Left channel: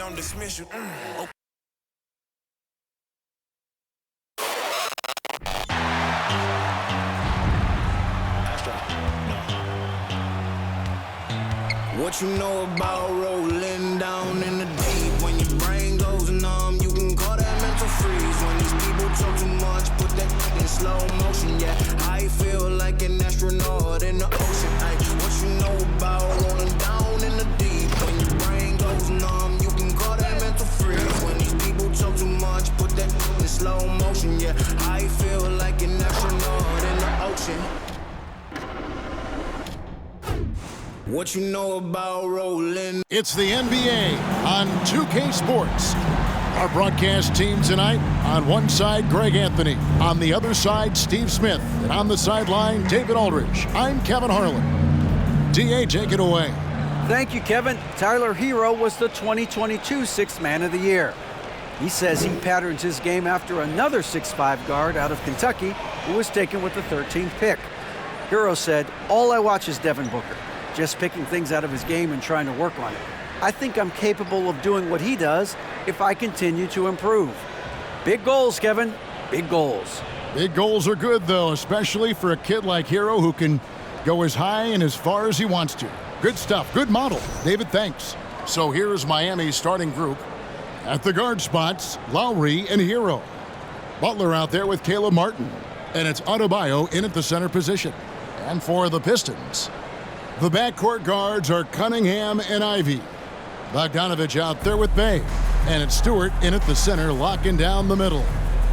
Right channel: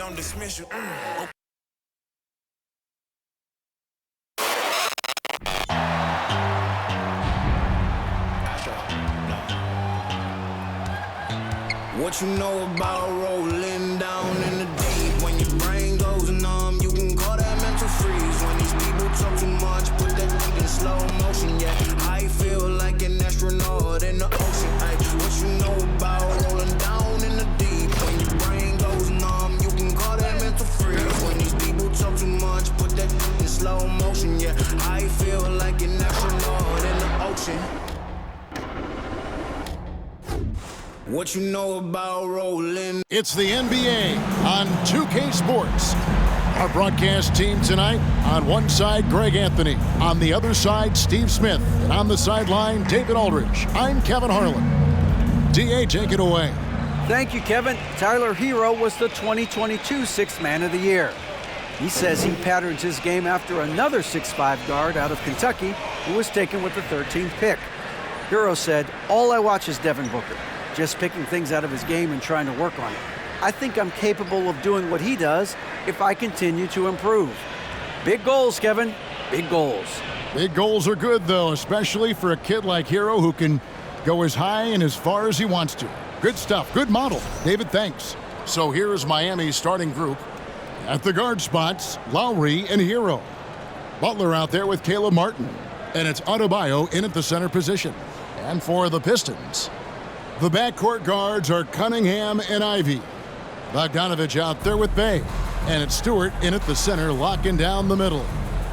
don't dismiss you. What you know about rolling down in the deep? When your brain goes numb, you can call that mental freeze. When these people talk too much, put that in slow motion. Yeah, I feel like an astronaut in the ocean. Ay, what you know about rolling down in the deep? When your brain goes numb, you can call that mental freeze. When these people talk too much, put that in slow motion. Yeah, I feel like an astronaut in the ocean. What you know about rolling? It's the NBA on 2K Sports. Our broadcast team tonight, on one side, Greg Anthony. On the other side, Steve Smith. And on the sideline, David Aldridge. I'm Kevin Harlan. DA, take it away. Thank you, Kevin. Tyler Hero was the 2022 Sixth Man of the Year. He says he patterns his game after another 6'5" guard out of Kentucky who was taken with the 13th pick. Hero said, "All I watch is Devin Booker. Just picking things out of his game and trying to work on it. I think I'm capable of doing what he does if I continue to improve." Big goals, Kevin. Big goals. Big goals are good, though, especially for a kid like Hero who can go as high and as far as he wants to. Good stuff. Good model. David, thanks. So here's Miami's starting group. At the guard spots, Lowry and Hero. Butler out there with Caleb Martin. And it's Adebayo in at the center position. And for the Pistons, the backcourt guards are Cunningham and Ivy. Bogdanovich out there with Bay. And it's Stewart in at the center, locking down the middle.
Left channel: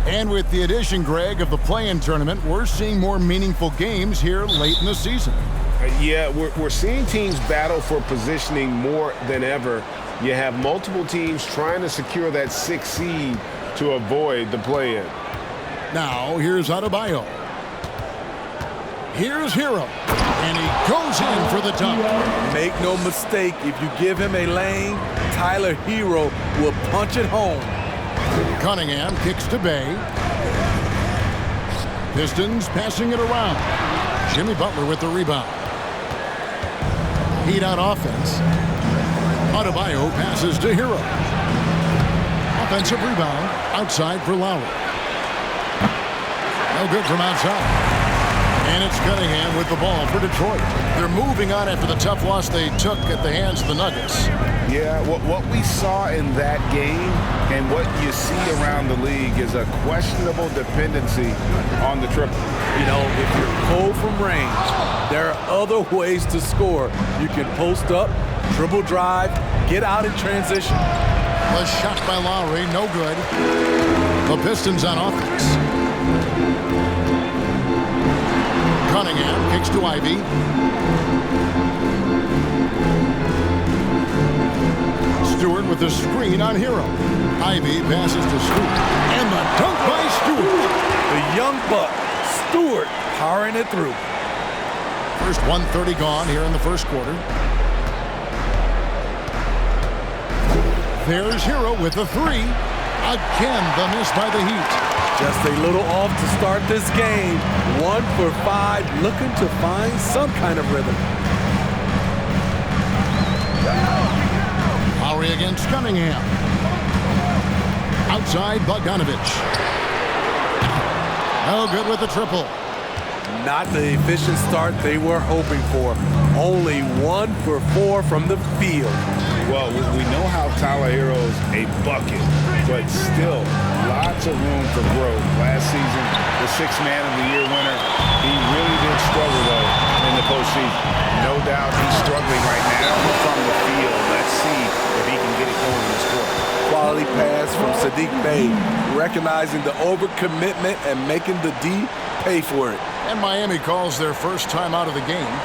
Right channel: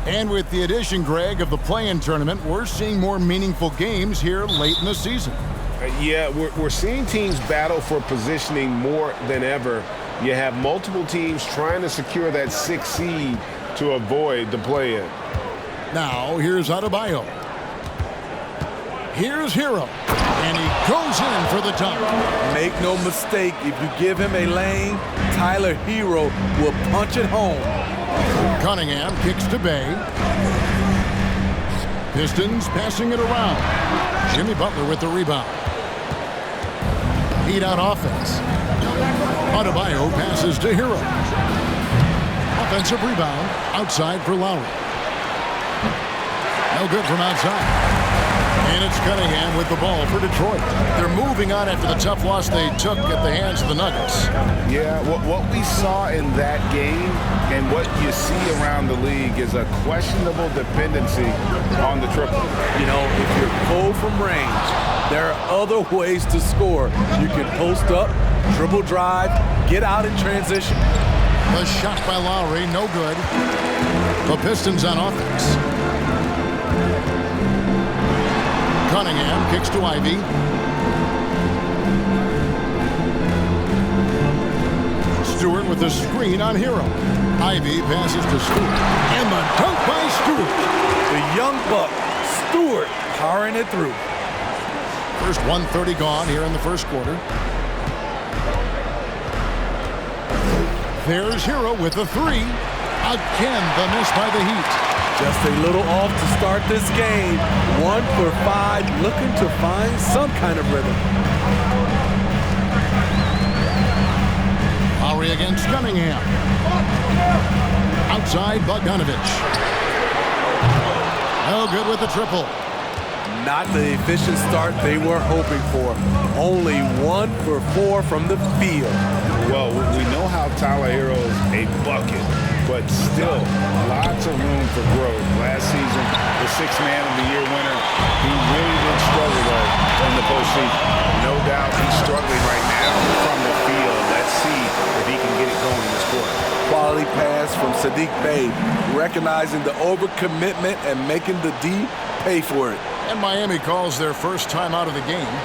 And with the addition, Greg, of the play-in tournament, we're seeing more meaningful games here late in the season. Yeah, we're seeing teams battle for positioning more than ever. You have multiple teams trying to secure that 6th seed to avoid the play-in. Now, here's Adebayo. Here's Hero. And he goes in for the dunk. Make no mistake, if you give him a lane, Tyler Hero will punch it home. Cunningham kicks to Bay. Pistons passing it around. Jimmy Butler with the rebound. Heat out offense. Adebayo passes to Hero. Offensive rebound outside for Lowry. No good from outside. And it's Cunningham with the ball for Detroit. They're moving on after the tough loss they took at the hands of the Nuggets. Yeah, what we saw in that game and what you see around the league is a questionable dependency on the triple. You know, if you're cold from range, there are other ways to score. You can post up, dribble drive, get out in transition. The shot by Lowry, no good. The Pistons on offense. Cunningham kicks to Ivy. Stewart with the screen on Hero. Ivy passes to Stewart. And the dunk by Stewart. The young buck, Stewart, powering it through. First 1:30 gone here in the first quarter. There's Hero with the three. Again, the miss by the Heat. Just a little off to start this game. 1 for 5, looking to find some kind of rhythm. Lowry against Cunningham. Outside, Bogdanovich. No good with the triple. Not the efficient start they were hoping for. Only 1 for 4 from the field. Well, we know how Tyler Hero's a bucket, but still lots of room for growth. Last season, the Sixth Man of the Year winner, he really did struggle, though, in the postseason. No doubt he's struggling right now from the field. Let's see if he can get it going this quarter. Quality pass from Sadiq Bey, recognizing the overcommitment and making the D pay for it. And Miami calls their first time out of the game.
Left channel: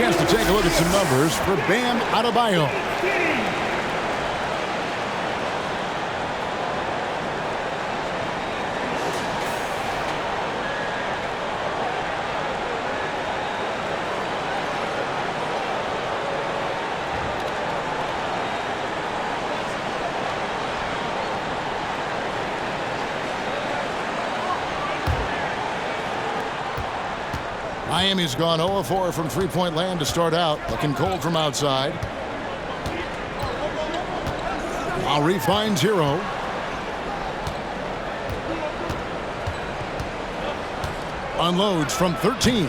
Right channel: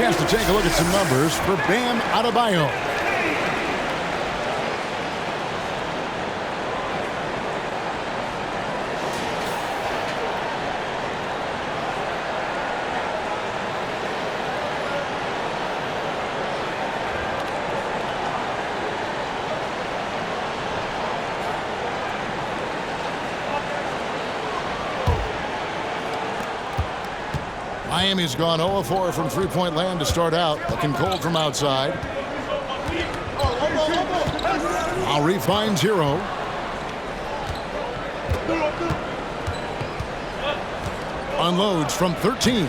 chance to take a look at some numbers for Bam Adebayo. Miami's gone 0-4 from three-point land to start out. Looking cold from outside. Lowry finds Hero. Unloads from 13.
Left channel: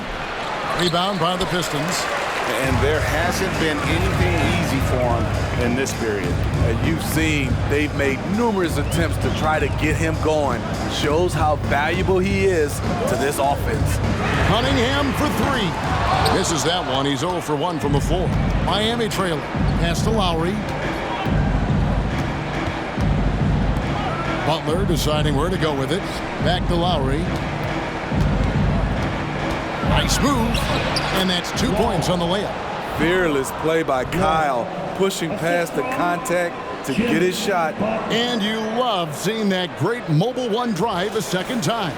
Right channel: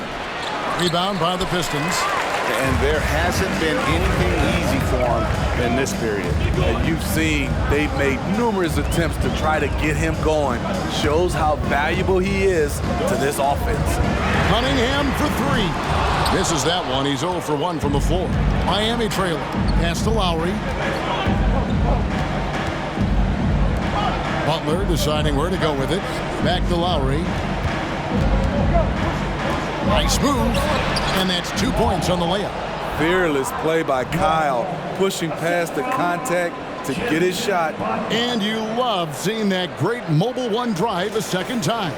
Rebound by the Pistons. And there hasn't been anything easy for him in this period. And you've seen they've made numerous attempts to try to get him going. Shows how valuable he is to this offense. Cunningham for three. Misses that one. He's 0 for 1 from the floor. Miami trailing. Pass to Lowry. Butler deciding where to go with it. Back to Lowry. Nice move. And that's 2 points on the layup. Fearless play by Kyle, pushing past the contact to get his shot. And you love seeing that great mobile one drive a second time.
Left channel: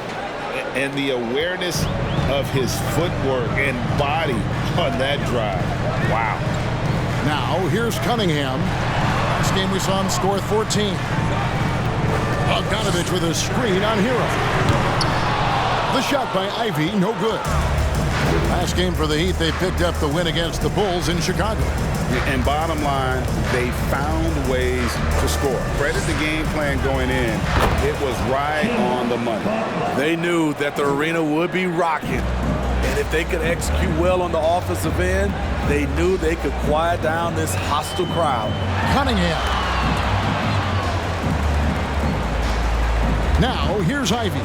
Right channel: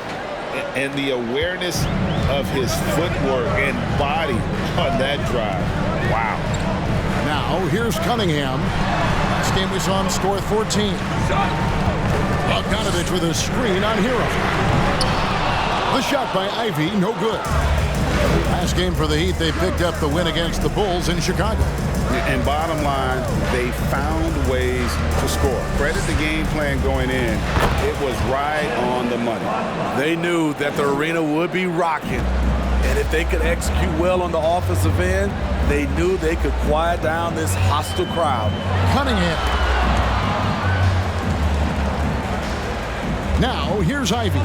And the awareness of his footwork and body on that drive. Wow. Now, here's Cunningham. Last game we saw him score 14. Bogdanovich with a screen on Hero. The shot by Ivy, no good. Last game for the Heat, they picked up the win against the Bulls in Chicago. And bottom line, they found ways to score. Credit the game plan going in. It was right on the money. They knew that the arena would be rocking. And if they could execute well on the offensive end, they knew they could quiet down this hostile crowd. Cunningham. Now, here's Ivy.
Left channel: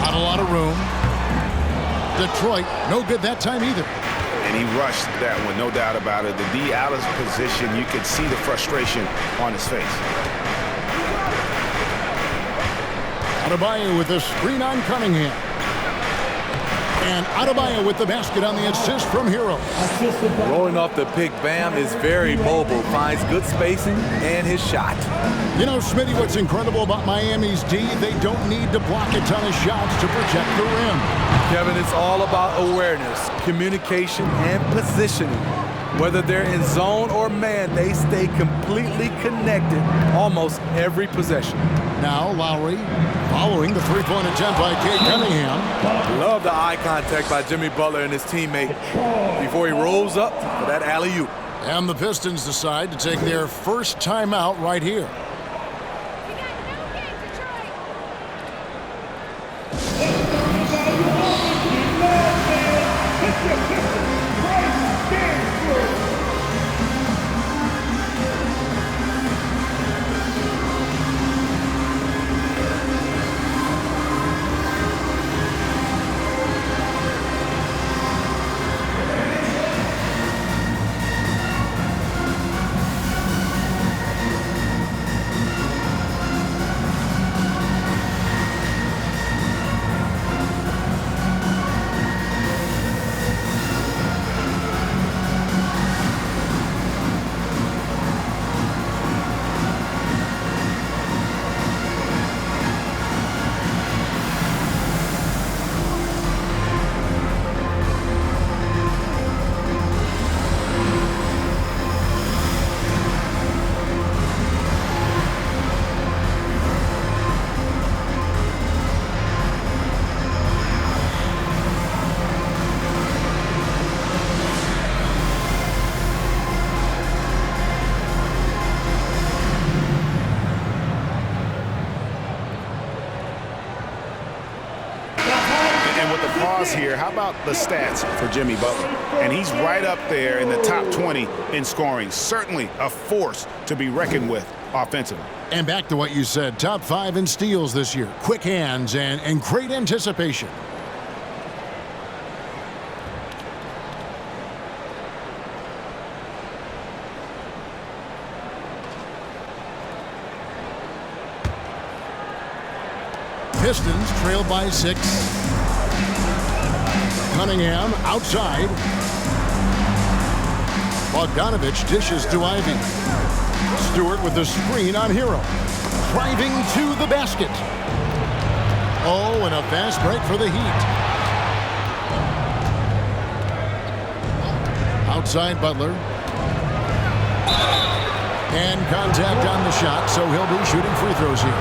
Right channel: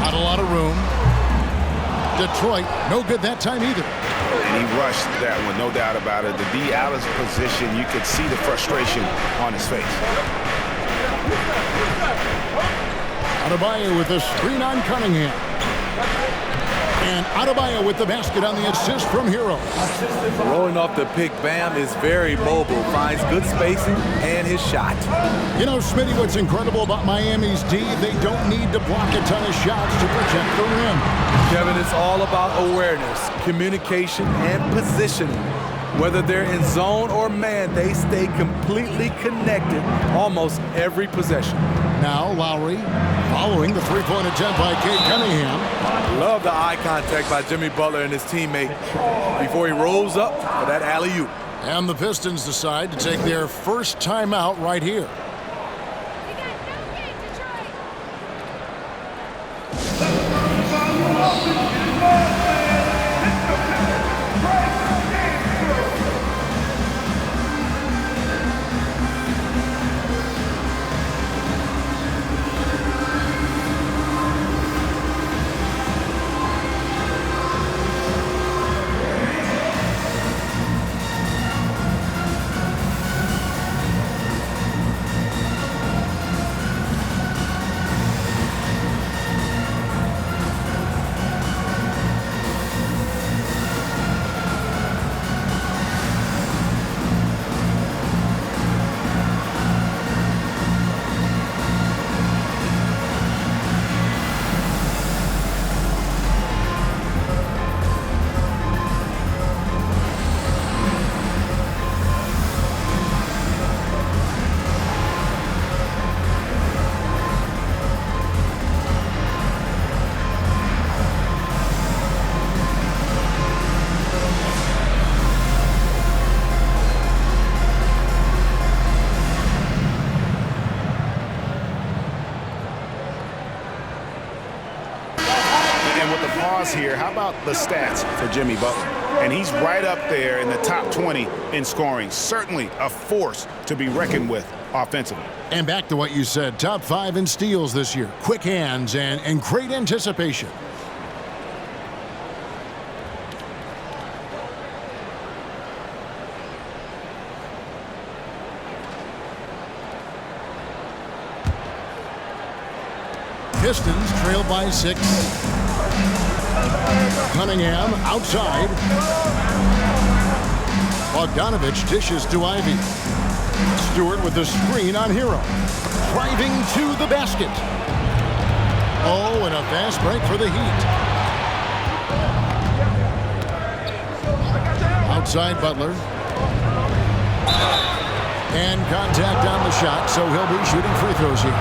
Not a lot of room. Detroit, no good that time either. And he rushed that one, no doubt about it. The D out of position, you could see the frustration on his face. Adebayo with the screen on Cunningham. And Adebayo with the basket on the assist from Hero. Rolling off the pick, Bam is very mobile, finds good spacing and his shot. You know, Smitty, what's incredible about Miami's D, they don't need to block a ton of shots to protect the rim. Kevin, it's all about awareness, communication, and positioning. Whether they're in zone or man, they stay completely connected almost every possession. Now Lowry following the three-point attempt by Cade Cunningham. Love the eye contact by Jimmy Butler and his teammate before he rolls up for that alley-oop. And the Pistons decide to take their first timeout right here. You got no game, Detroit. And with the pause here, how about the stats for Jimmy Butler? And he's right up there in the top 20 in scoring. Certainly a force to be reckoned with offensively. And back to what you said, top 5 in steals this year. Quick hands and great anticipation. Pistons trail by 6. Cunningham outside. Bogdanovich dishes to Ivy. Stewart with the screen on Hero. Driving to the basket. Oh, and a fast break for the Heat. Outside Butler. And contact on the shot, so he'll be shooting free throws here.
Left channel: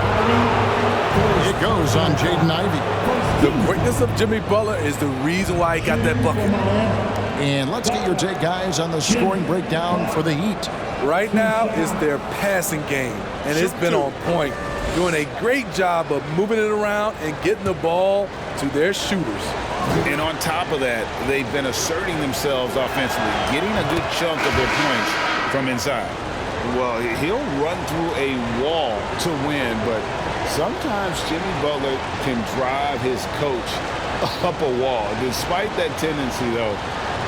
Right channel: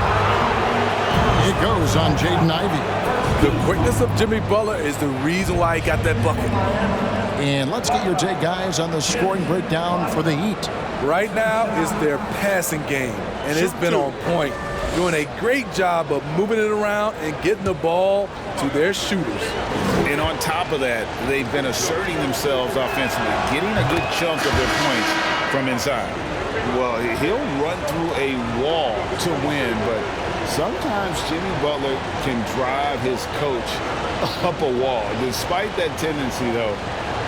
It goes on Jaden Ivey. The quickness of Jimmy Butler is the reason why he got that bucket. And let's get your take, guys, on the scoring breakdown for the Heat. Right now is their passing game, and it's been on point, doing a great job of moving it around and getting the ball to their shooters. And on top of that, they've been asserting themselves offensively, getting a good chunk of their points from inside. Well, he'll run through a wall to win, but sometimes Jimmy Butler can drive his coach up a wall. Despite that tendency, though,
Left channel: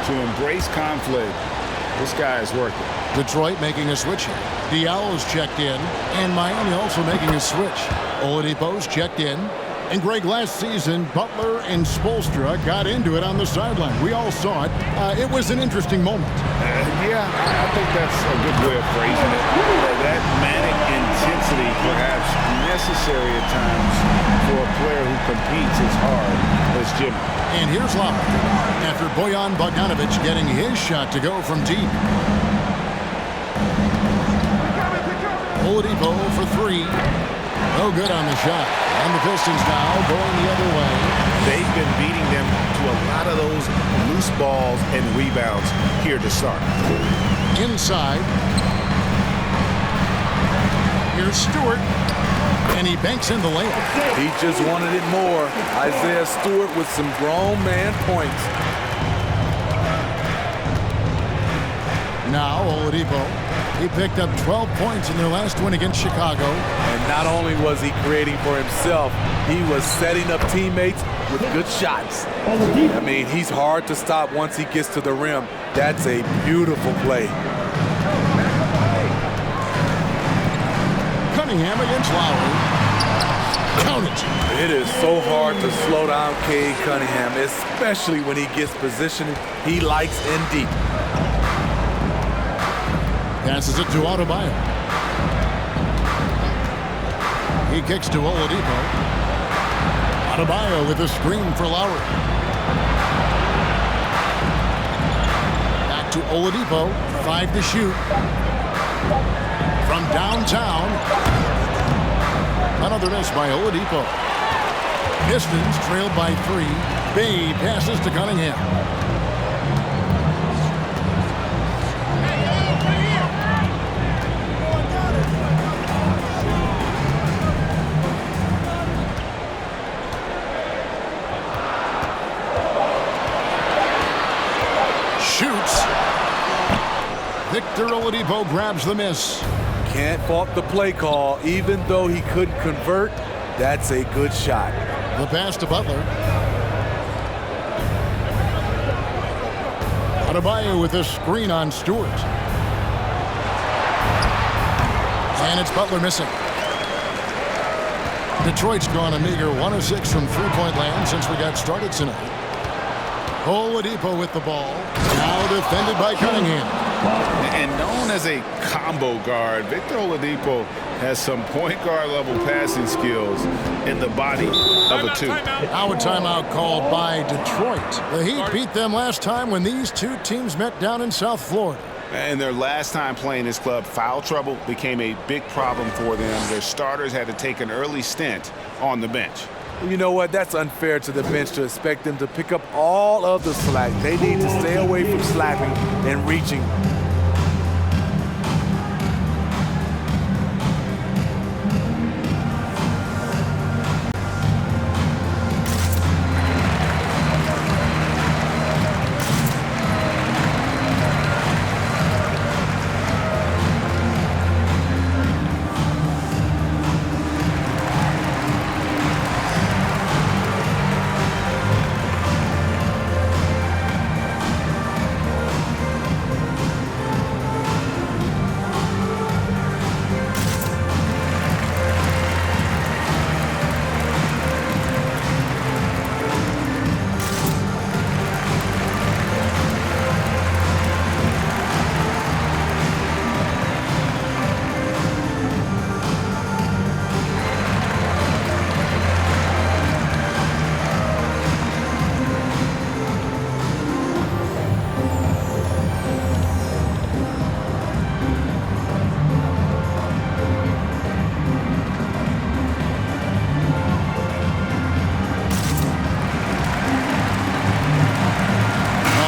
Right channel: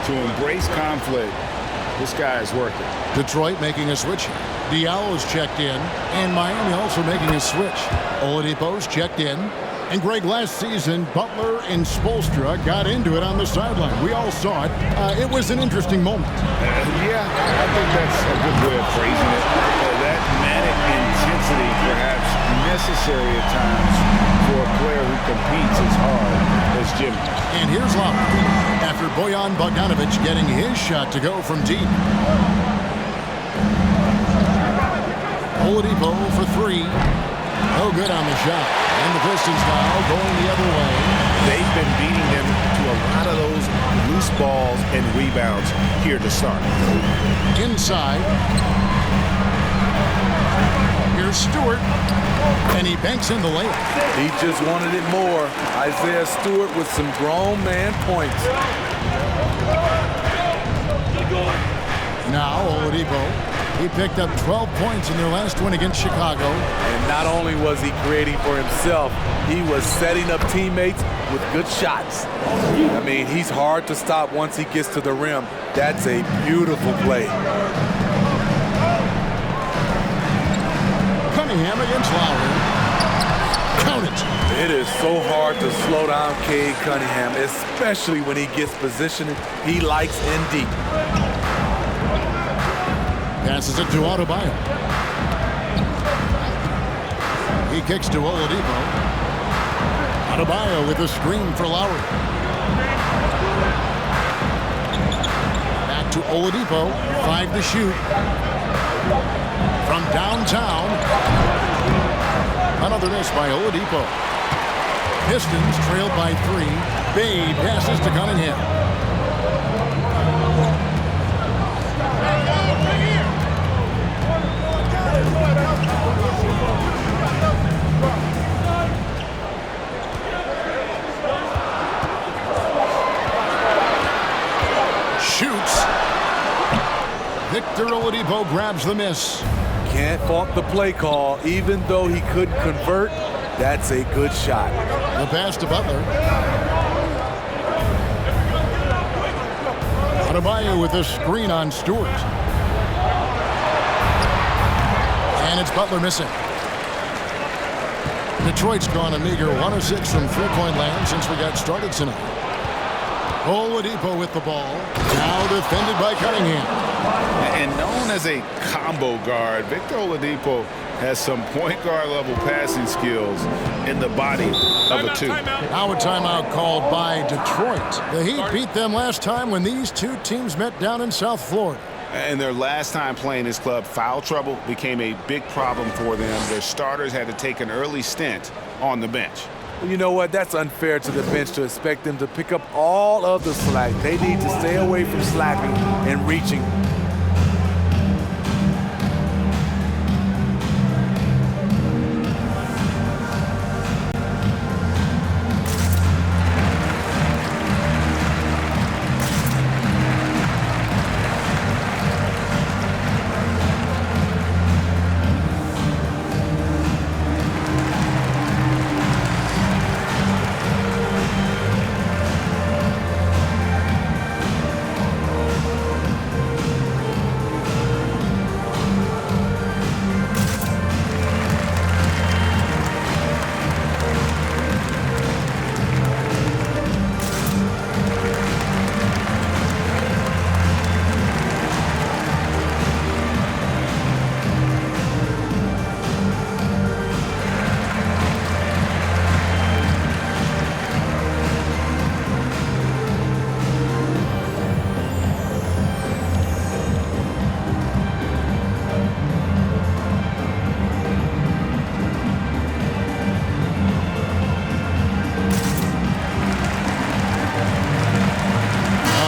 to embrace conflict, this guy is worth it. Detroit making a switch here. Diallo's checked in, and Miami also making a switch. Oladipo's checked in. And Greg, last season, Butler and Spoelstra got into it on the sideline. We all saw it. It was an interesting moment. Yeah, I think that's a good way of phrasing it. That manic intensity perhaps necessary at times for a player who competes as hard as Jimmy. And here's Lowry after Bojan Bogdanovich getting his shot to go from deep. Oladipo for three. No good on the shot. And the Pistons now going the other way. They've been beating them to a lot of those loose balls and rebounds here to start. Inside. Here's Stewart. And he banks in the layup. He just wanted it more. Isaiah Stewart with some grown man points. Now Oladipo. He picked up 12 points in their last win against Chicago. And not only was he creating for himself, he was setting up teammates with good shots. I mean, he's hard to stop once he gets to the rim. That's a beautiful play. Cunningham against Lowry. Count it. It is so hard to slow down Cade Cunningham, especially when he gets positioned. He likes in deep. Passes it to Adebayo. He kicks to Oladipo. Adebayo with a screen for Lowry. Back to Oladipo. 5 to shoot. From downtown. Another miss by Oladipo. Pistons trailed by 3. Bay passes to Cunningham. Shoots. Victor Oladipo grabs the miss. Can't fault the play call. Even though he couldn't convert, that's a good shot. The pass to Butler. Adebayo with a screen on Stewart. And it's Butler missing. Detroit's gone a meager 1 of 6 from three-point land since we got started tonight. Oladipo with the ball. Now defended by Cunningham. And known as a combo guard, Victor Oladipo has some point guard level passing skills in the body of a two. Now a timeout called by Detroit. The Heat beat them last time when these two teams met down in South Florida. And their last time playing this club, foul trouble became a big problem for them. Their starters had to take an early stint on the bench. You know what? That's unfair to the bench to expect them to pick up all of the slack. They need to stay away from slapping and reaching.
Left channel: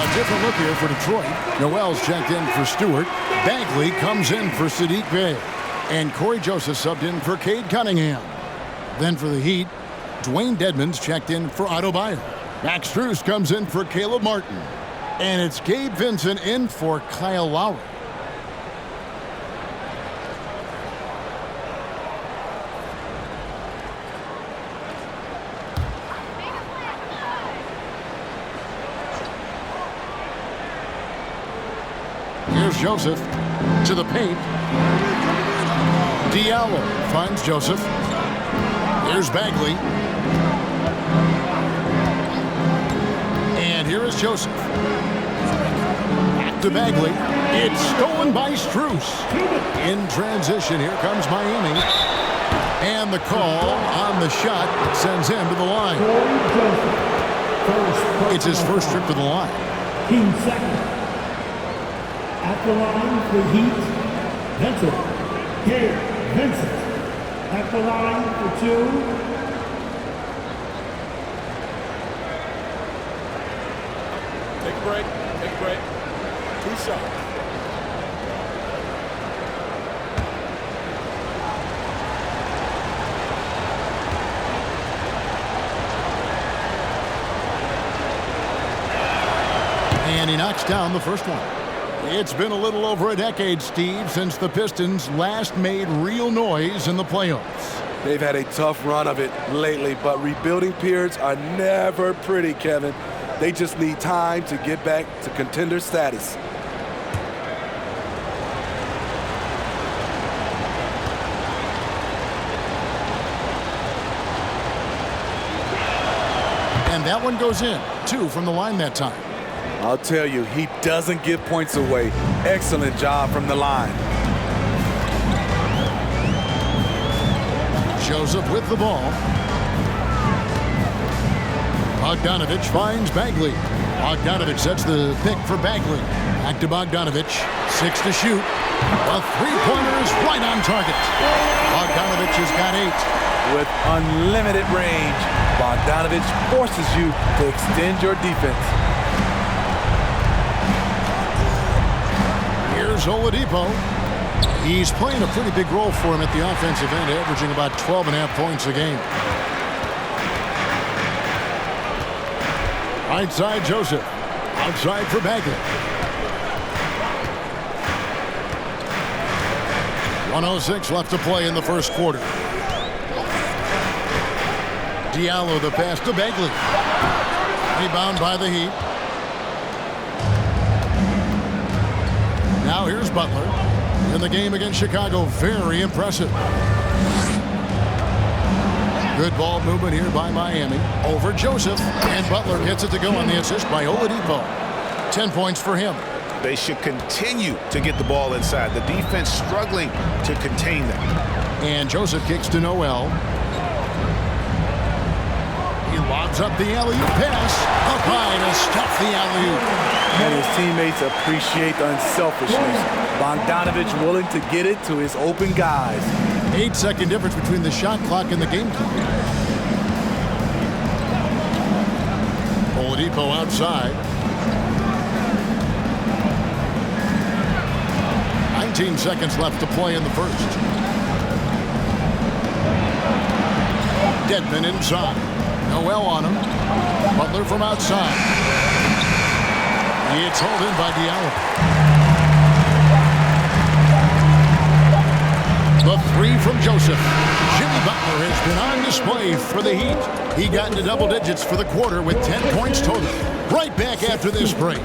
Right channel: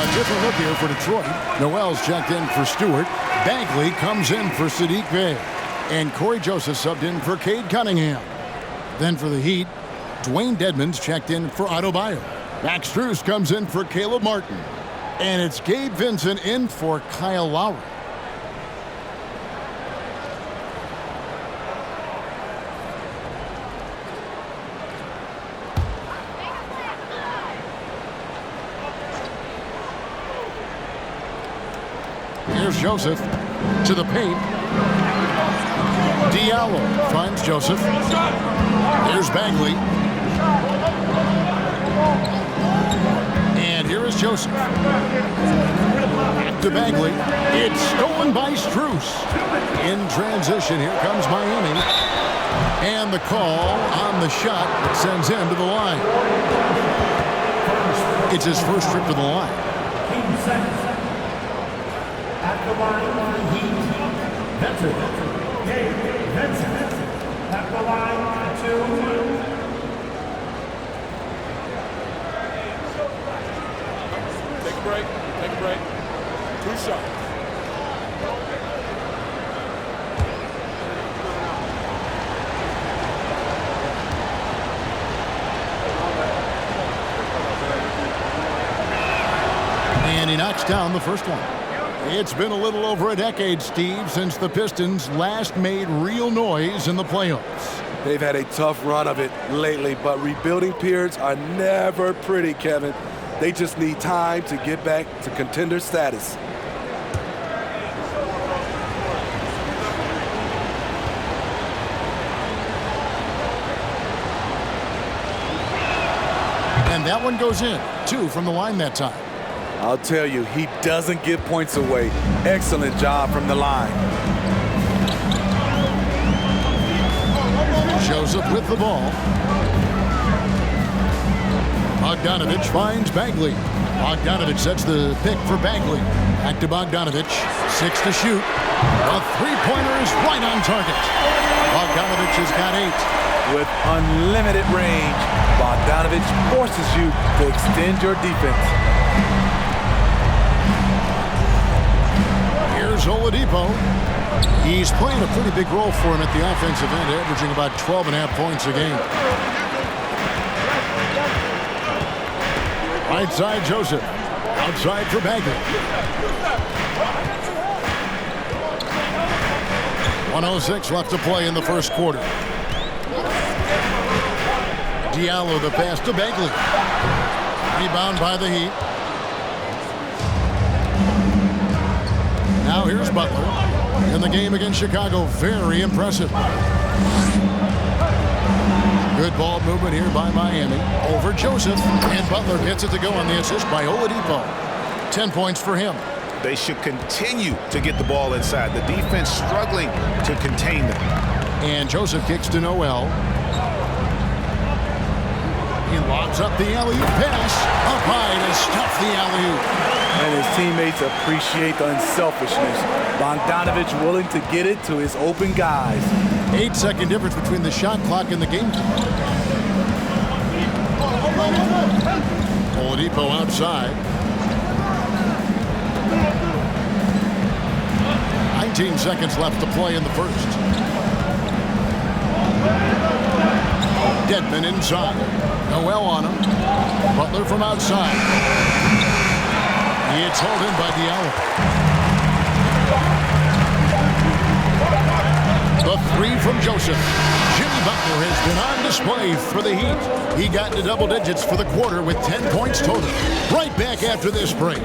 A different look here for Detroit. Noel's checked in for Stewart. Bagley comes in for Sadiq Bey. And Corey Joseph subbed in for Cade Cunningham. Then for the Heat, Dwayne Dedmon's checked in for Adebayo. Max Strus comes in for Caleb Martin. And it's Gabe Vincent in for Kyle Lowry. Here's Joseph to the paint. Diallo finds Joseph. Here's Bagley. And here is Joseph. Back to Bagley. It's stolen by Strus. In transition, here comes Miami. And the call on the shot that sends him to the line. It's his first trip to the line. At the line, the Heat, Vincent. Gabe Vincent. At the line, the 2. Take a break. Take a break. 2 shots. And he knocks down the first one. It's been a little over a decade, Steve, since the Pistons last made real noise in the playoffs. They've had a tough run of it lately, but rebuilding periods are never pretty, Kevin. They just need time to get back to contender status. And that one goes in. 2 from the line that time. I'll tell you, he doesn't give points away. Excellent job from the line. Joseph with the ball. Bogdanovich finds Bagley. Bogdanovich sets the pick for Bagley. Back to Bogdanovich. 6 to shoot. A three-pointer is right on target. Bogdanovich has got 8. With unlimited range, Bogdanovich forces you to extend your defense. Here's Oladipo. He's playing a pretty big role for him at the offensive end, averaging about 12.5 points a game. Right side, Joseph. Outside for Bagley. 1:06 left to play in the first quarter. Diallo the pass to Bagley. Rebound by the Heat. Now here's Butler. In the game against Chicago, very impressive. Good ball movement here by Miami. Over Joseph, and Butler gets it to go on the assist by Oladipo. 10 points for him. They should continue to get the ball inside. The defense struggling to contain them. And Joseph kicks to Noel. He lobs up the alley-oop pass. Up high to stuff the alley-oop. And his teammates appreciate the unselfishness. Bogdanovich willing to get it to his open guys. 8-second difference between the shot clock and the game clock. Oladipo outside. 19 seconds left to play in the first. Dedmon inside. Noel on him. Butler from outside. It's hauled in by Diallo. The 3 from Joseph. Jimmy Butler has been on display for the Heat. He got into double digits for the quarter with 10 points total. Right back after this break.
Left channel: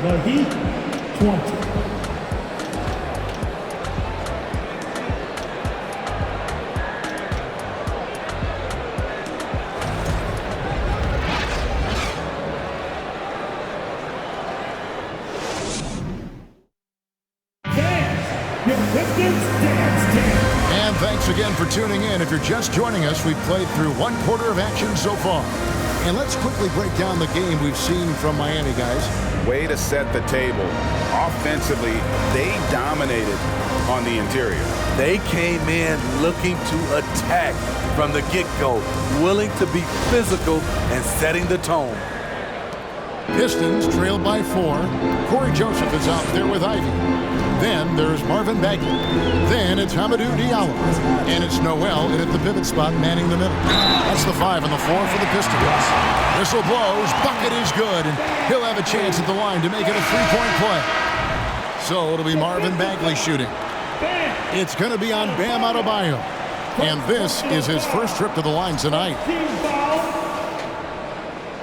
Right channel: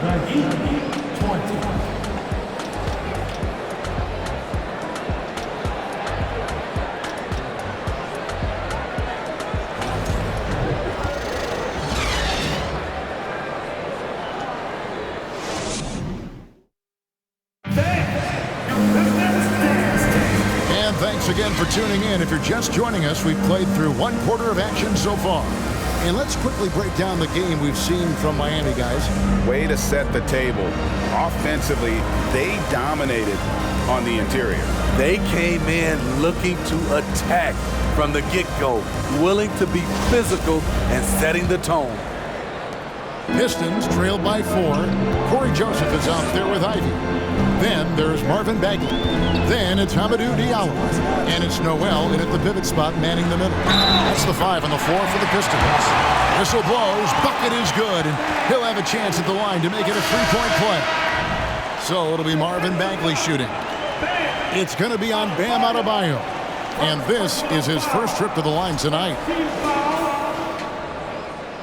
The Heat, 20. And thanks again for tuning in. If you're just joining us, we've played through 1 quarter of action so far. And let's quickly break down the game we've seen from Miami, guys. Way to set the table. Offensively, they dominated on the interior. They came in looking to attack from the get-go, willing to be physical and setting the tone. Pistons trailed by 4. Corey Joseph is out there with Ivy. Then there's Marvin Bagley. Then it's Hamidou Diallo. And it's Noel in at the pivot spot manning the middle. That's the 5 on the floor for the Pistons. Whistle blows, bucket is good, and he'll have a chance at the line to make it a 3-point play. So it'll be Marvin Bagley shooting. It's going to be on Bam Adebayo. And this is his first trip to the line tonight. Team foul.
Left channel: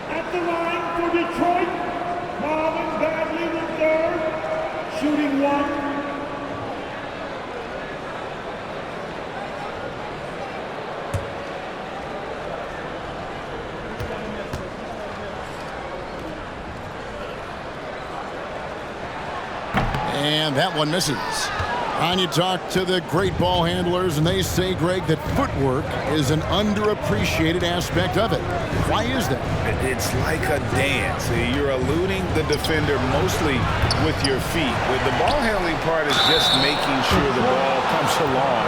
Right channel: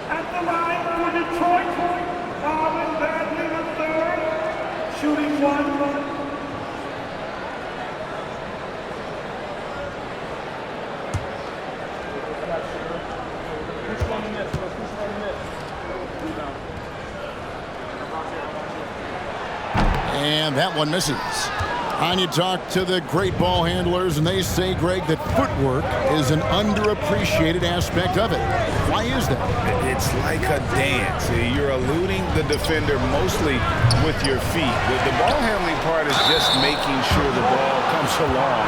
At the line for Detroit, Marvin Bagley III, shooting 1. And that one misses. And you talk to the great ball handlers, and they say, Greg, that footwork is an underappreciated aspect of it. Why is that? It's like a dance. You're eluding the defender mostly with your feet. The ball handling part is just making sure the ball comes along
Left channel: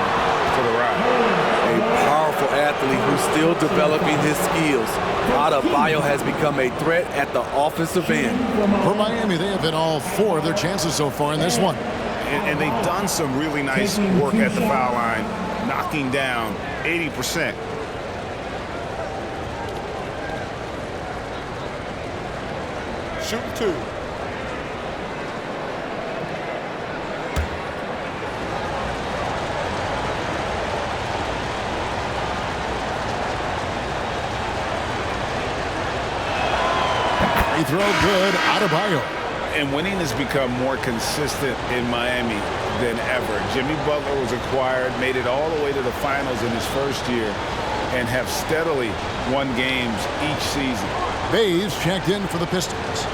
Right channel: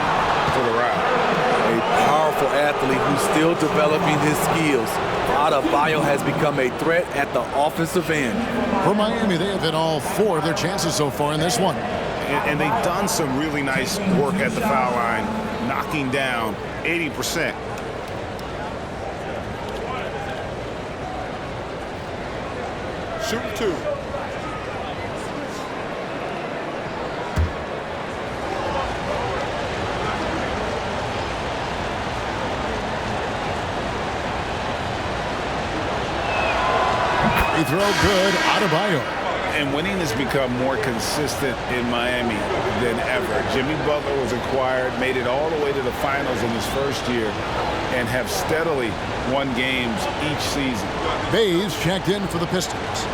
for the ride. A powerful athlete who's still developing his skills. Adebayo has become a threat at the offensive end. For Miami, they have hit all 4 of their chances so far in this one. And they've done some really nice work at the foul line, knocking down 80%. Shooting 2. Free throw good, Adebayo. And winning has become more consistent in Miami than ever. Jimmy Butler was acquired, made it all the way to the finals in his first year, and have steadily won games each season. Bays checked in for the Pistons.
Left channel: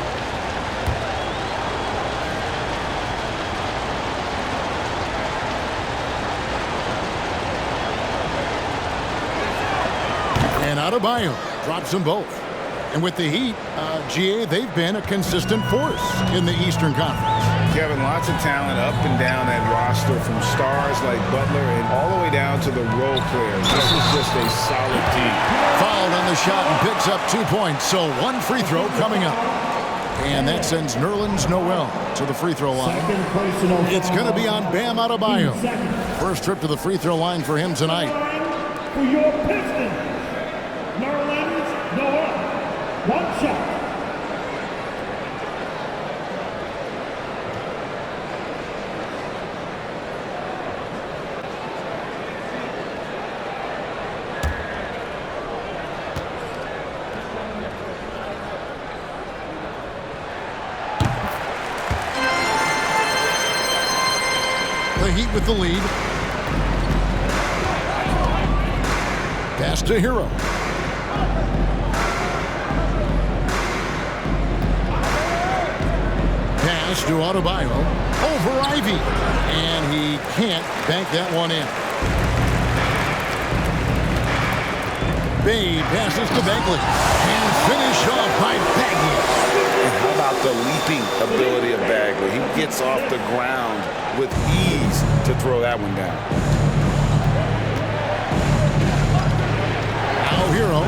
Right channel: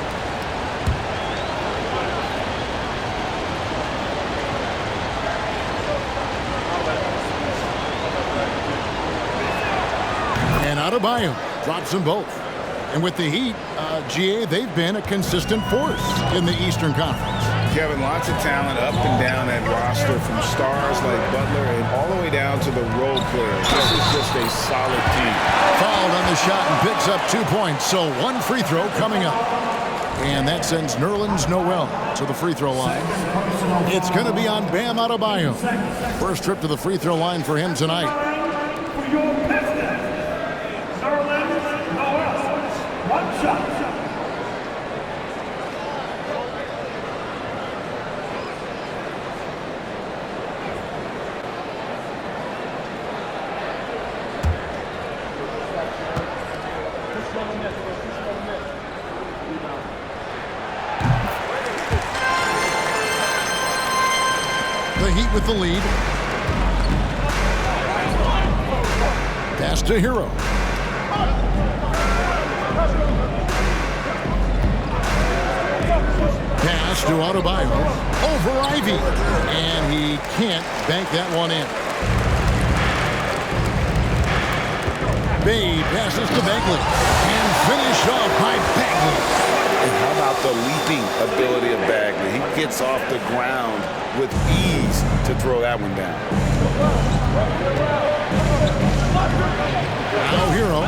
And Adebayo drops them both. And with the Heat, GA, they've been a consistent force in the Eastern Conference. Kevin, lots of talent up and down that roster, from stars like Butler and all the way down to the role players. This is just a solid team. Fouled on the shot and picks up 2 points, so 1 free throw coming up. And that sends Nerlens Noel to the free throw line. It's going to be on Bam Adebayo. First trip to the free throw line for him tonight. For your Pistons, Nerlens Noel. 1 shot. The Heat with the lead. Pass to Hero. Pass to Adebayo. Over Ivy. And he can't bank that one in. Bay passes to Bagley. And finished off by Bagley. And how about the leaping ability of Bagley? He gets off the ground with ease to throw that one down. Now Hero.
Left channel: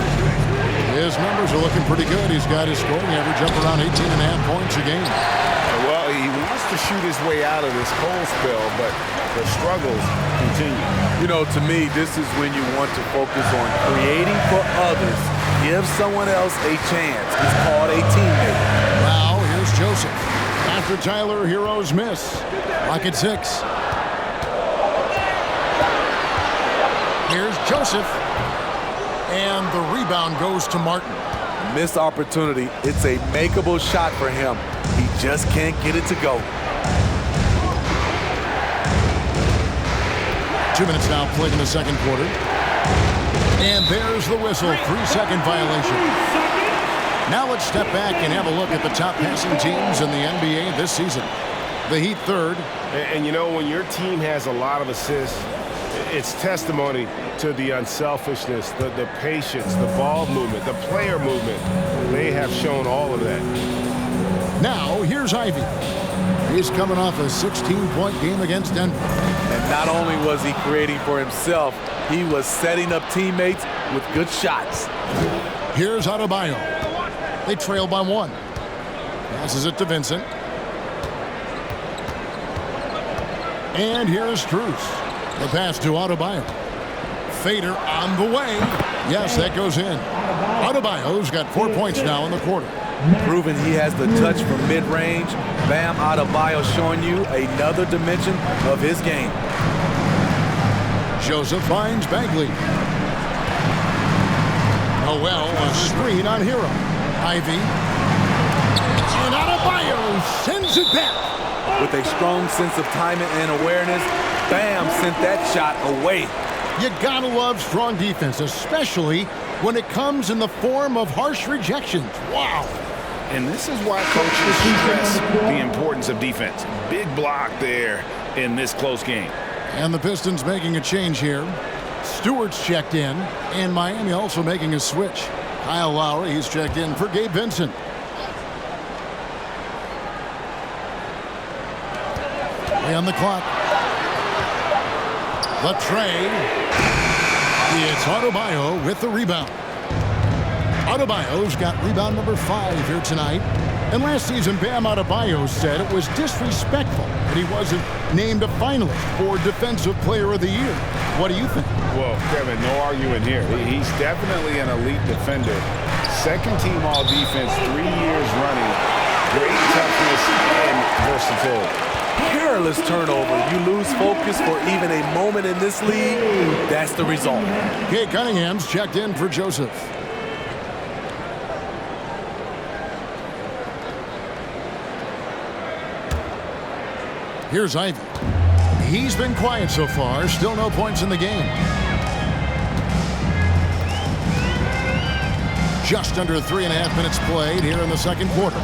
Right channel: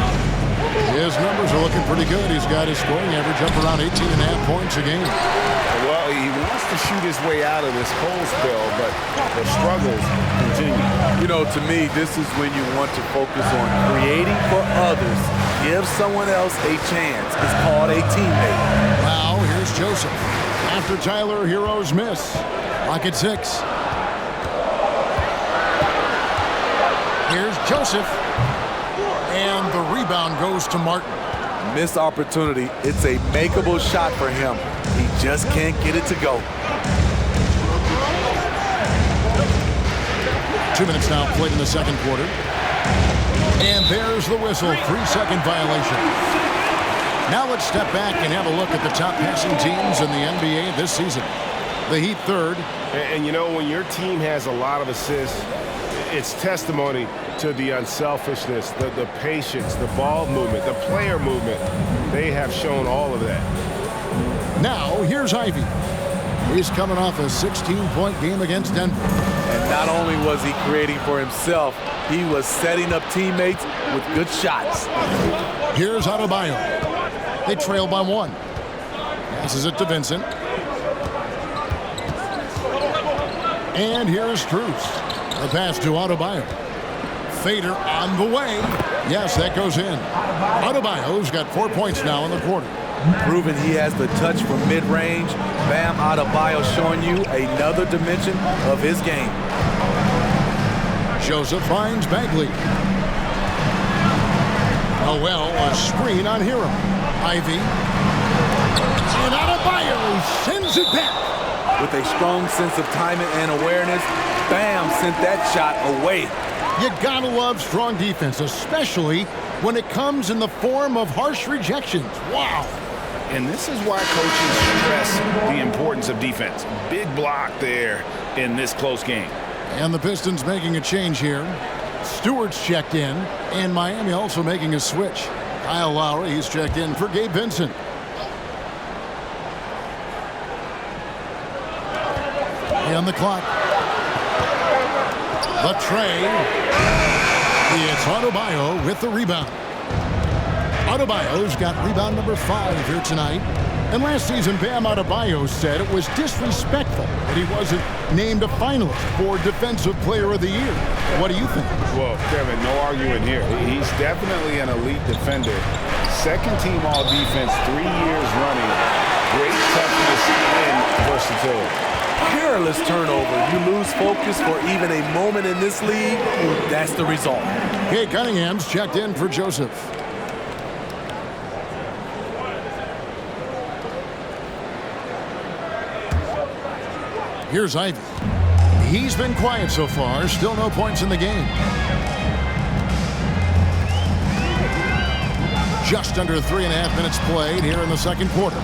His numbers are looking pretty good. He's got his scoring average up around 18.5 points a game. Well, he wants to shoot his way out of this cold spell, but the struggles continue. You know, to me, this is when you want to focus on creating for others. Give someone else a chance. It's called a teammate. Now here's Joseph. After Tyler Hero's miss. Rocket 6. Here's Joseph. And the rebound goes to Martin. Missed opportunity. It's a makeable shot for him. He just can't get it to go. 2 minutes now played in the second quarter. And there's the whistle. 3-second violation. Now let's step back and have a look at the top passing teams in the NBA this season. The Heat third. And you know, when your team has a lot of assists, it's testimony to the unselfishness, the patience, the ball movement, the player movement. They have shown all of that. Now, here's Ivy. He's coming off a 16-point game against Denver. And not only was he creating for himself, he was setting up teammates with good shots. Here's Adebayo. They trail by 1. Passes it to Vincent. And here's Truce. The pass to Adebayo. Fader on the way. Yes, that goes in. Adebayo's got 4 points now in the quarter. Proving he has the touch from mid-range. Bam Adebayo showing you another dimension of his game. Joseph finds Bagley. Noel, a screen on Hero. Ivy. And Adebayo sends it back. With a strong sense of timing and awareness, Bam sent that shot away. You gotta love strong defense, especially when it comes in the form of harsh rejections. Wow. And this is why coaches stress the importance of defense. Big block there in this close game. And the Pistons making a change here. Stewart's checked in, and Miami also making a switch. Kyle Lowry, he's checked in for Gabe Vincent. On the clock. The tray. It's Adebayo with the rebound. Adebayo's got rebound number 5 here tonight. And last season, Bam Adebayo said it was disrespectful that he wasn't named a finalist for Defensive Player of the Year. What do you think? Well, Kevin, no arguing here. He's definitely an elite defender. Second team all defense 3 years running. Great toughness and versatility. Careless turnover. You lose focus for even a moment in this league. That's the result. Kate Cunningham's checked in for Joseph. Here's Ivy. He's been quiet so far. Still no points in the game. Just under 3.5 minutes played here in the second quarter.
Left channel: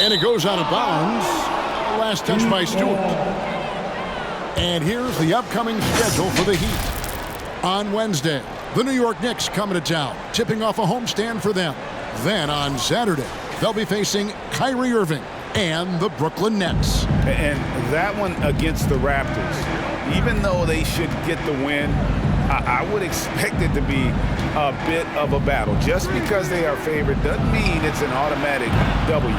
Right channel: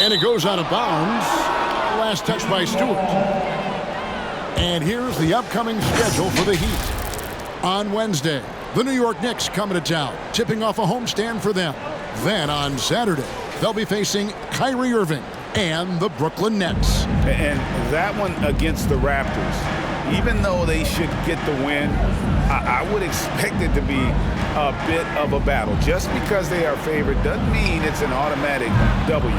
And it goes out of bounds. Last touch by Stewart. And here's the upcoming schedule for the Heat. On Wednesday, the New York Knicks coming to town, tipping off a homestand for them. Then on Saturday, they'll be facing Kyrie Irving and the Brooklyn Nets. And that one against the Raptors, even though they should get the win, I would expect it to be a bit of a battle. Just because they are favored doesn't mean it's an automatic W.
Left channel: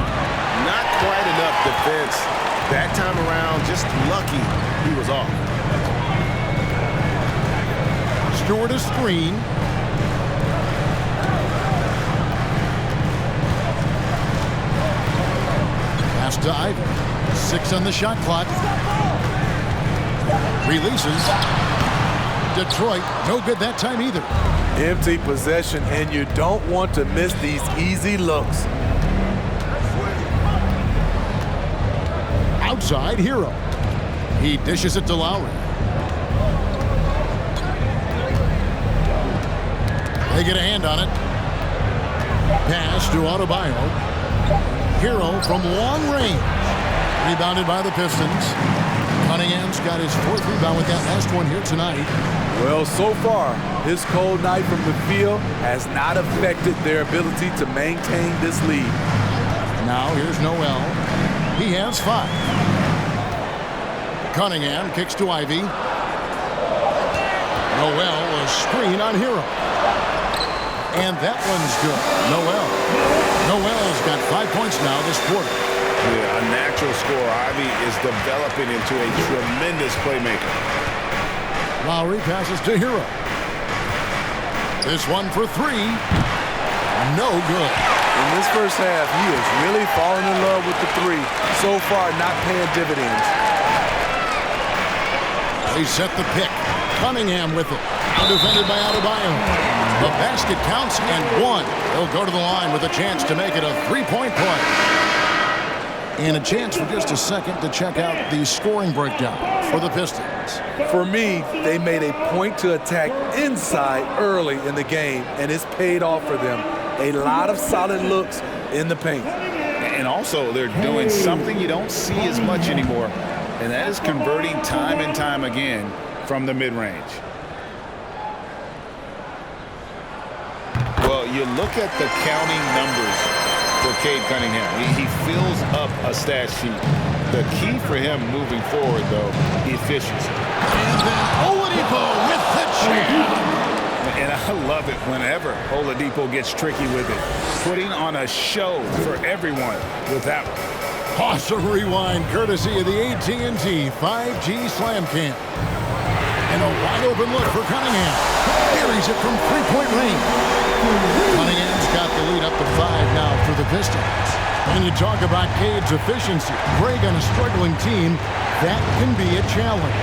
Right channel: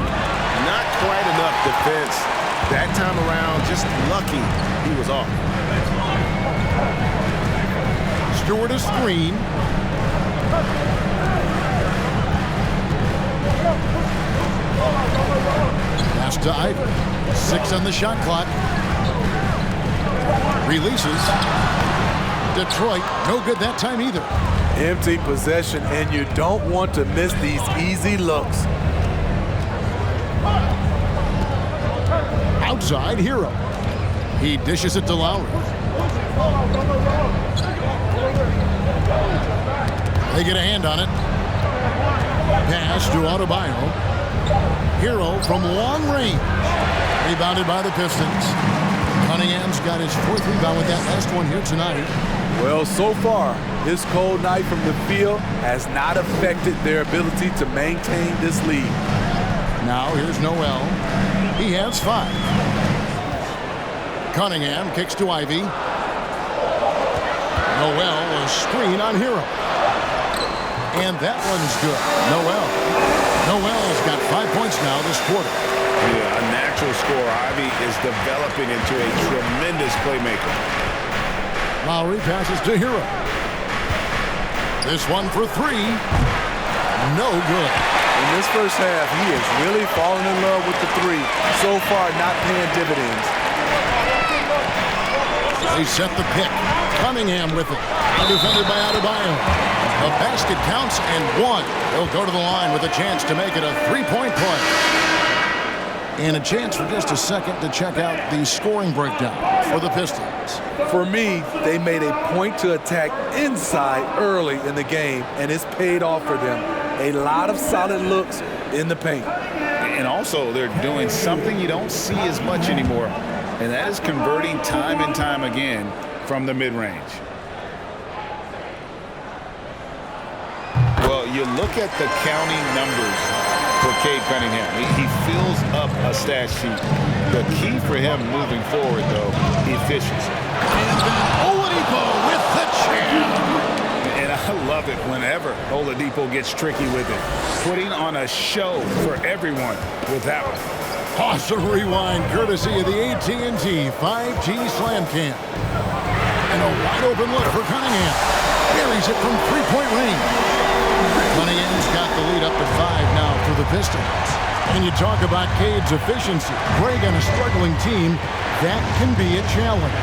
Not quite enough defense that time around. Just lucky he was off. Stewart a screen. Pass to Ivy. 6 on the shot clock. Releases. Detroit, no good that time either. Empty possession, and you don't want to miss these easy looks. Outside, Hero. He dishes it to Lowry. They get a hand on it. Pass to Adebayo. Hero from long range. Rebounded by the Pistons. Cunningham's got his 4th rebound with that last one here tonight. Well, so far, his cold night from the field has not affected their ability to maintain this lead. Now here's Noel. He has 5. Cunningham kicks to Ivy. Noel, a screen on Hero. And that one's good. Noel's got 5 points now this quarter. Yeah, a natural scorer. Ivy is developing into a tremendous playmaker. Lowry passes to Hero. This one for 3. No good. In this first half, he is really falling in love with the 3. So far, not paying dividends. They set the pick. Cunningham with it. Now defended by Adebayo. The basket counts and 1. He'll go to the line with a chance to make it a 3-point play. And a chance for just a second to check out the scoring breakdown for the Pistons. For me, they made a point to attack inside early in the game, and it's paid off for them. A lot of solid looks in the paint. And also, they're doing something you don't see as much anymore, and that is converting time and time again from the mid-range. Well, you look at the counting numbers for Cade Cunningham. He fills up a stat sheet. The key for him moving forward, though, efficiency. And then Oladipo with the jam. And I love it whenever Oladipo gets tricky with it, putting on a show for everyone with that one. Awesome rewind courtesy of the AT&T 5G Slam Cam. And a wide open look for Cunningham. Buries it from three-point range. Cunningham's got the lead up to 5 now for the Pistons. And you talk about Cade's efficiency. Greg on a struggling team, that can be a challenge.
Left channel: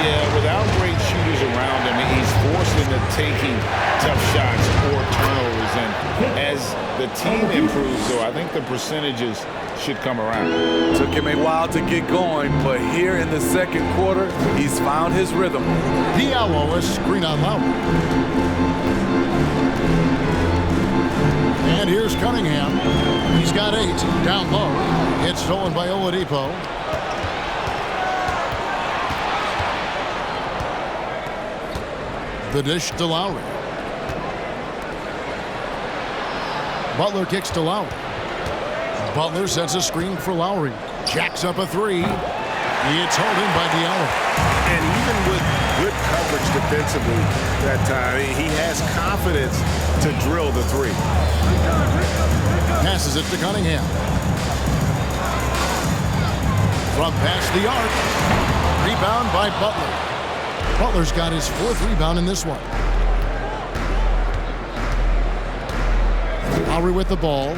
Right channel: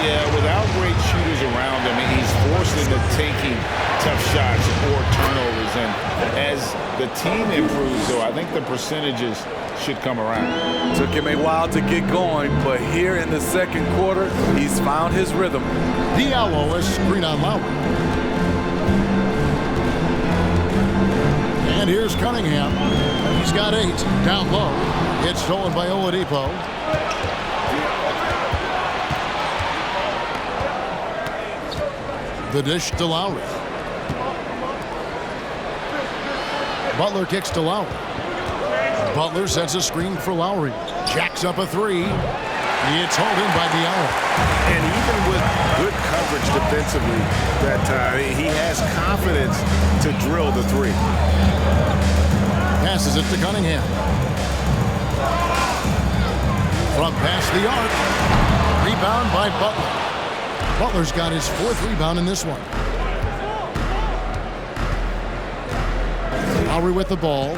Yeah, without great shooters around him, he's forced into taking tough shots or turnovers. And as the team improves, though, I think the percentages should come around. Took him a while to get going, but here in the second quarter, he's found his rhythm. Diallo is screen on Lowry. And here's Cunningham. He's got 8. Down low. It's stolen by Oladipo. The dish to Lowry. Butler kicks to Lowry. Butler sets a screen for Lowry. Jacks up a 3. It's hauled in by Diallo. And even with good coverage defensively that time, he has confidence to drill the 3. Passes it to Cunningham. From past the arc. Rebound by Butler. Butler's got his 4th rebound in this one. Lowry with the ball.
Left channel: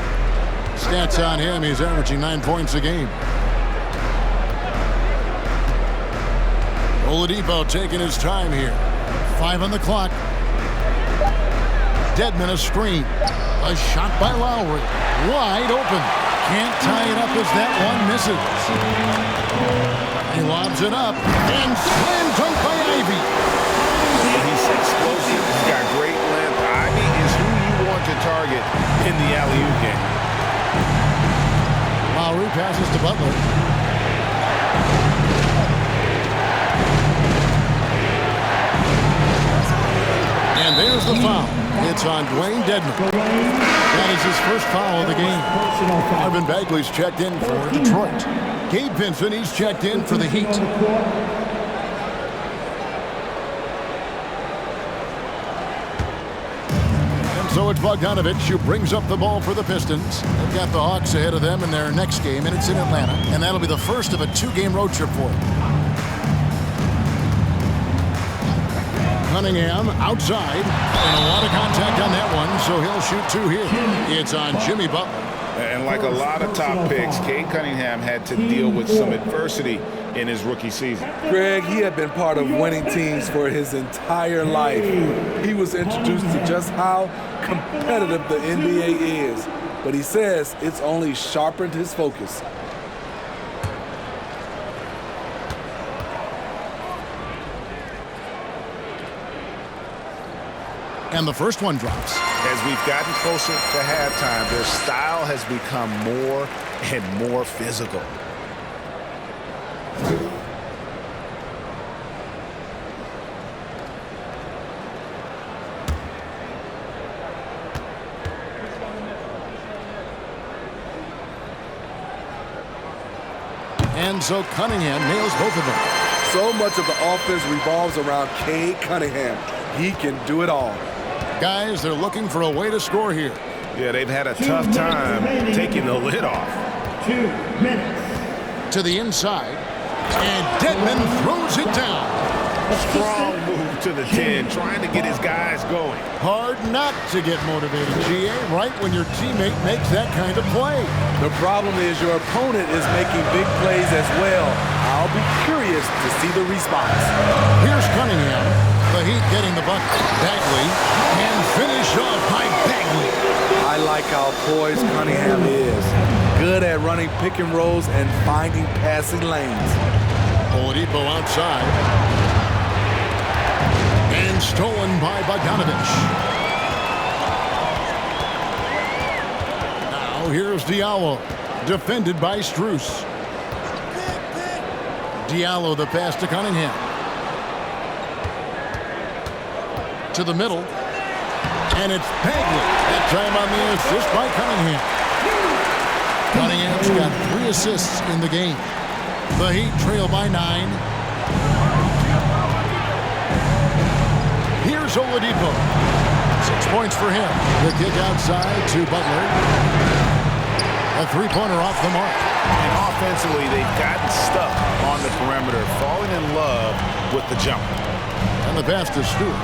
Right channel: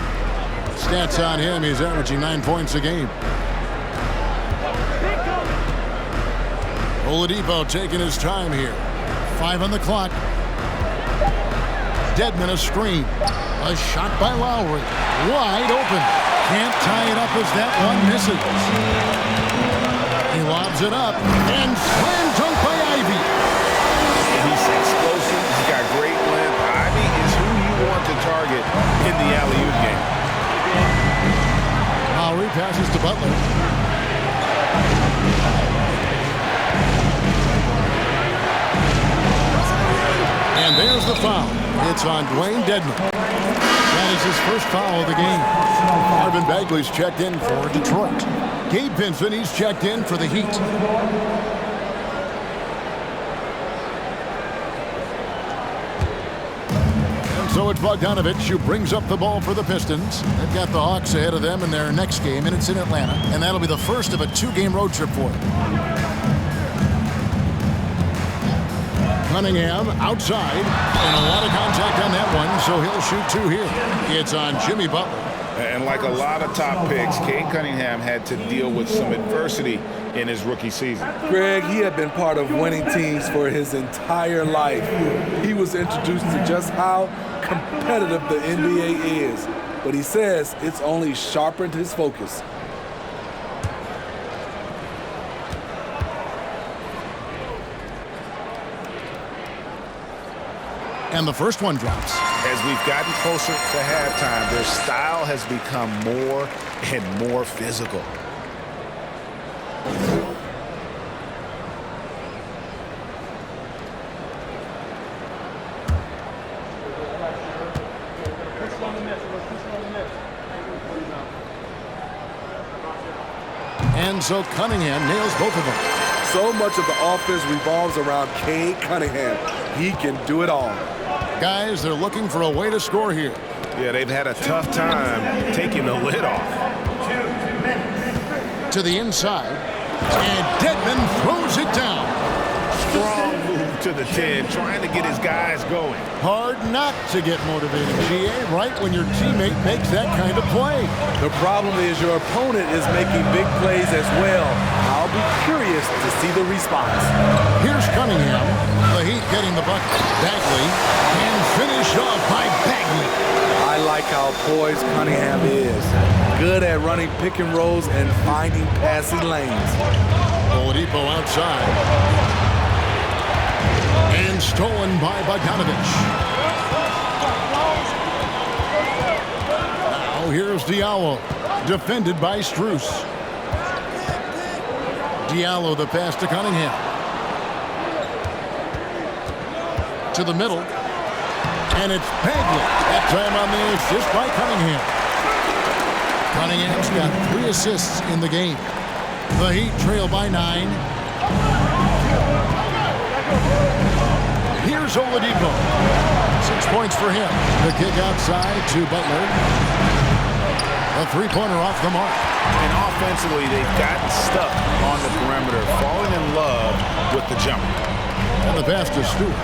Stats on him, he's averaging 9 points a game. Oladipo taking his time here. 5 on the clock. Dedmon a screen. A shot by Lowry. Wide open. Can't tie it up as that one misses. He lobs it up and slam dunk by Ivy. He's explosive. He's got great length. Ivy is who you want to target in the alley-oop game. Lowry passes to Butler. And there's the foul. It's on Dwayne Dedmon. That is his first foul of the game. Marvin Bagley's checked in for Detroit. Gabe Vincent, he's checked in for the Heat. And so it's Bogdanovich who brings up the ball for the Pistons. They've got the Hawks ahead of them in their next game, and it's in Atlanta. And that'll be the first of a 2-game road trip for them. Cunningham outside, and a lot of contact on that one, so he'll shoot 2 here. It's on Jimmy Butler. And like a lot of top picks, Cade Cunningham had to deal with some adversity in his rookie season. Greg, he had been part of winning teams for his entire life. He was introduced to just how competitive the NBA is, but he says it's only sharpened his focus. And the first one drops. As we've gotten closer to halftime, their style has become more and more physical. And so Cunningham nails both of them. So much of the offense revolves around Cade Cunningham. He can do it all. Guys, they're looking for a way to score here. Yeah, they've had a tough time taking the lid off. 2 minutes. To the inside, and Dedmon throws it down. A strong move to the 10, trying to get his guys going. Hard not to get motivated, GA, right when your teammate makes that kind of play. The problem is your opponent is making big plays as well. I'll be curious to see the response. Here's Cunningham. The Heat getting the bucket. Bagley, and finished off by Bagley. I like how poised Cunningham is. Good at running pick and rolls and finding passing lanes. Oladipo outside. And stolen by Bogdanovich. Now here's Diallo. Defended by Strus. Diallo the pass to Cunningham. To the middle. And it's Bagley. That time on the assist by Cunningham. Cunningham's got 3 assists in the game. The Heat trail by 9. Here's Here's Oladipo. 6 points for him. The kick outside to Butler. A three-pointer off the mark. And offensively, they've gotten stuck on the perimeter, falling in love with the jump. And the pass to Stewart.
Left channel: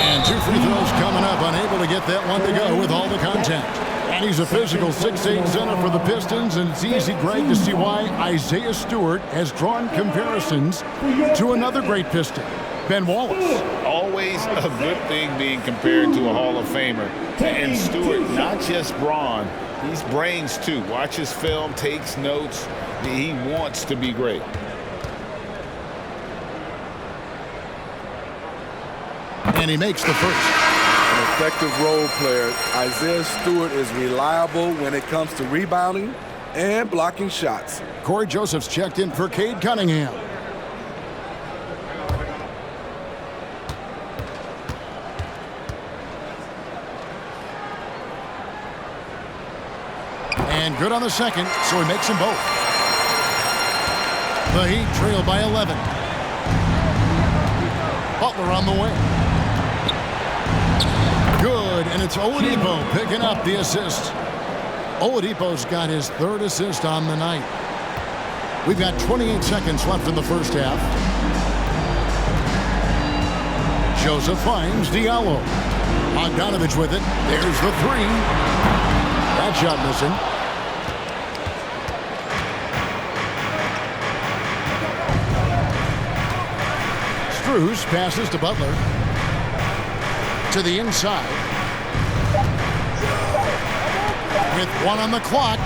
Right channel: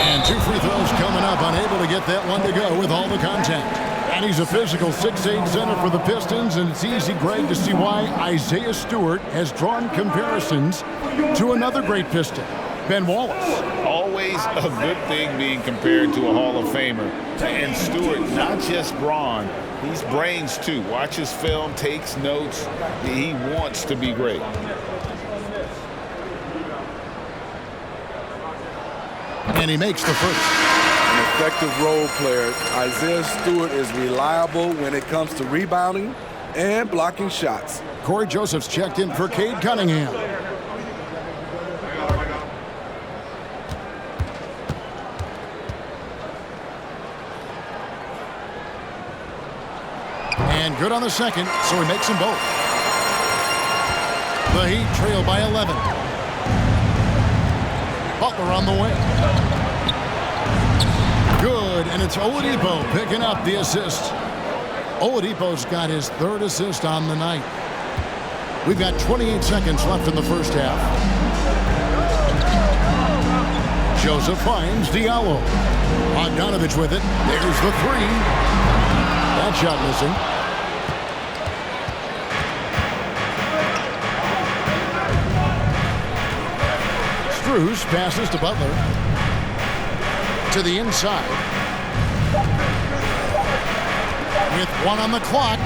And 2 free throws coming up, unable to get that one to go with all the contact. And he's a physical 6'8" center for the Pistons, and it's easy, Greg, to see why Isaiah Stewart has drawn comparisons to another great Piston, Ben Wallace. Always a good thing being compared to a Hall of Famer. And Stewart, not just brawn, he's brains too. Watches film, takes notes. He wants to be great. And he makes the first. An effective role player, Isaiah Stewart is reliable when it comes to rebounding and blocking shots. Corey Joseph's checked in for Cade Cunningham. And good on the second, so he makes them both. The Heat trail by 11. Butler on the way. Good, and it's Oladipo picking up the assist. Oladipo's got his 3rd assist on the night. We've got 28 seconds left in the first half. Joseph finds Diallo. Bogdanovich with it. There's the 3. That shot missing. Strus passes to Butler. To the inside. With 1 on the clock.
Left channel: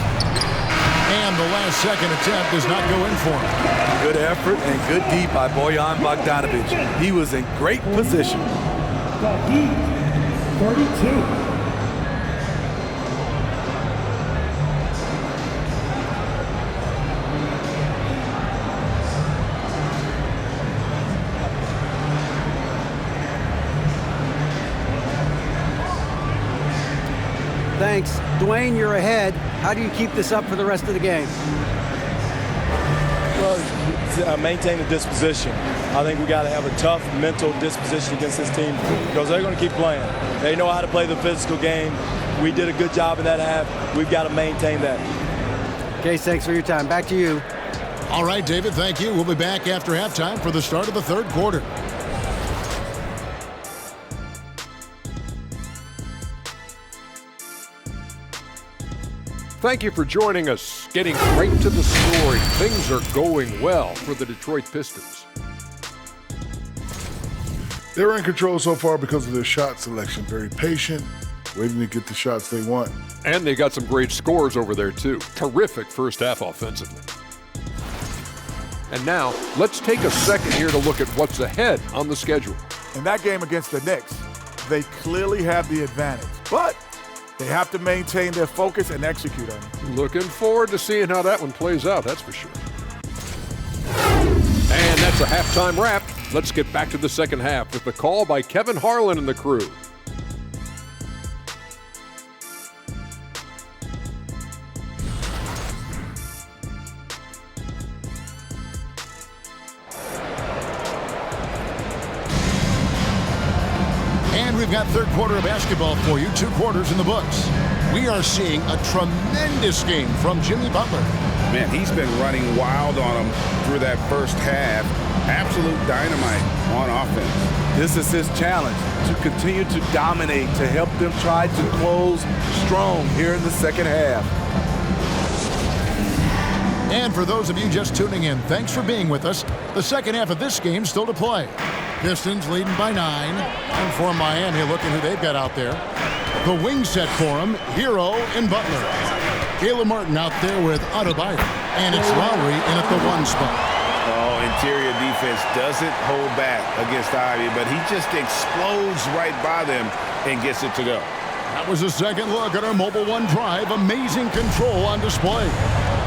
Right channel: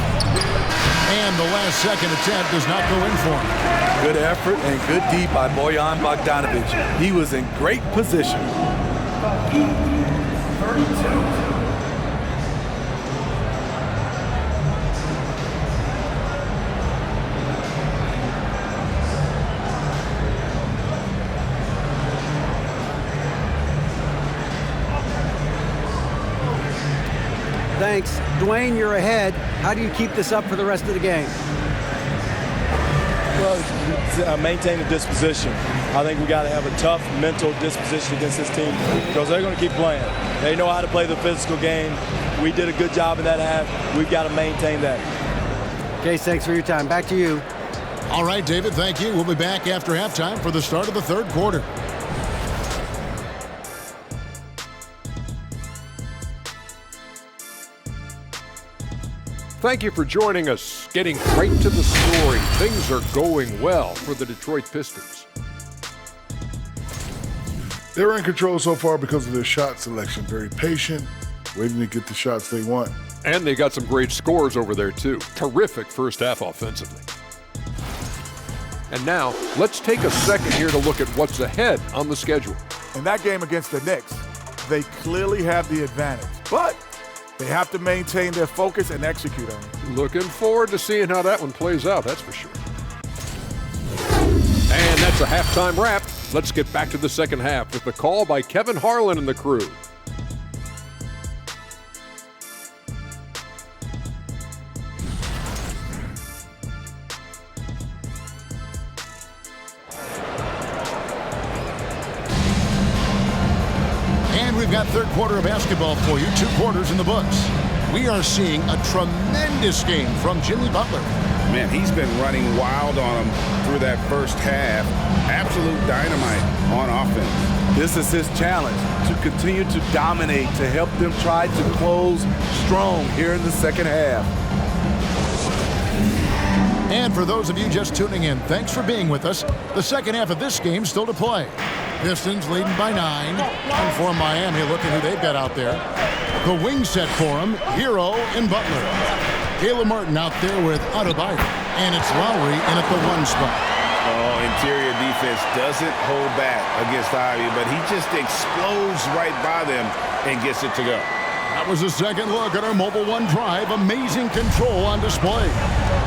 And the last second attempt does not go in for him. Good effort and good D by Bojan Bogdanovich. He was in great position. The Heat, 32. Thanks. Dwayne, you're ahead. How do you keep this up for the rest of the game? Well, maintain the disposition. I think we got to have a tough mental disposition against this team because they're going to keep playing. They know how to play the physical game. We did a good job in that half. We've got to maintain that. Case, thanks for your time. Back to you. All right, David, thank you. We'll be back after halftime for the start of the 3rd quarter. Thank you for joining us. Getting right to the story. Things are going well for the Detroit Pistons. They're in control so far because of their shot selection. Very patient, waiting to get the shots they want. And they got some great scores over there, too. Terrific first half offensively. And now, let's take a second here to look at what's ahead on the schedule. In that game against the Knicks, they clearly have the advantage. But they have to maintain their focus and execute on it. Looking forward to seeing how that one plays out, that's for sure. And that's a halftime wrap. Let's get back to the second half with the call by Kevin Harlan and the crew. And we've got 3rd quarter of basketball for you, 2 quarters in the books. We are seeing a tremendous game from Jimmy Butler. Man, he's been running wild on them through that first half. Absolute dynamite on offense. This is his challenge, to continue to dominate, to help them try to close strong here in the second half. And for those of you just tuning in, thanks for being with us. The second half of this game still to play. Pistons leading by 9. And for Miami, looking who they've got out there. The wing set for him, Hero and Butler. Caleb Martin out there with Adebayo. And it's Lowry in at the 1 spot. Oh, interior defense doesn't hold back against Ivy, but he just explodes right by them and gets it to go. That was a second look at our Mobile One drive. Amazing control on display.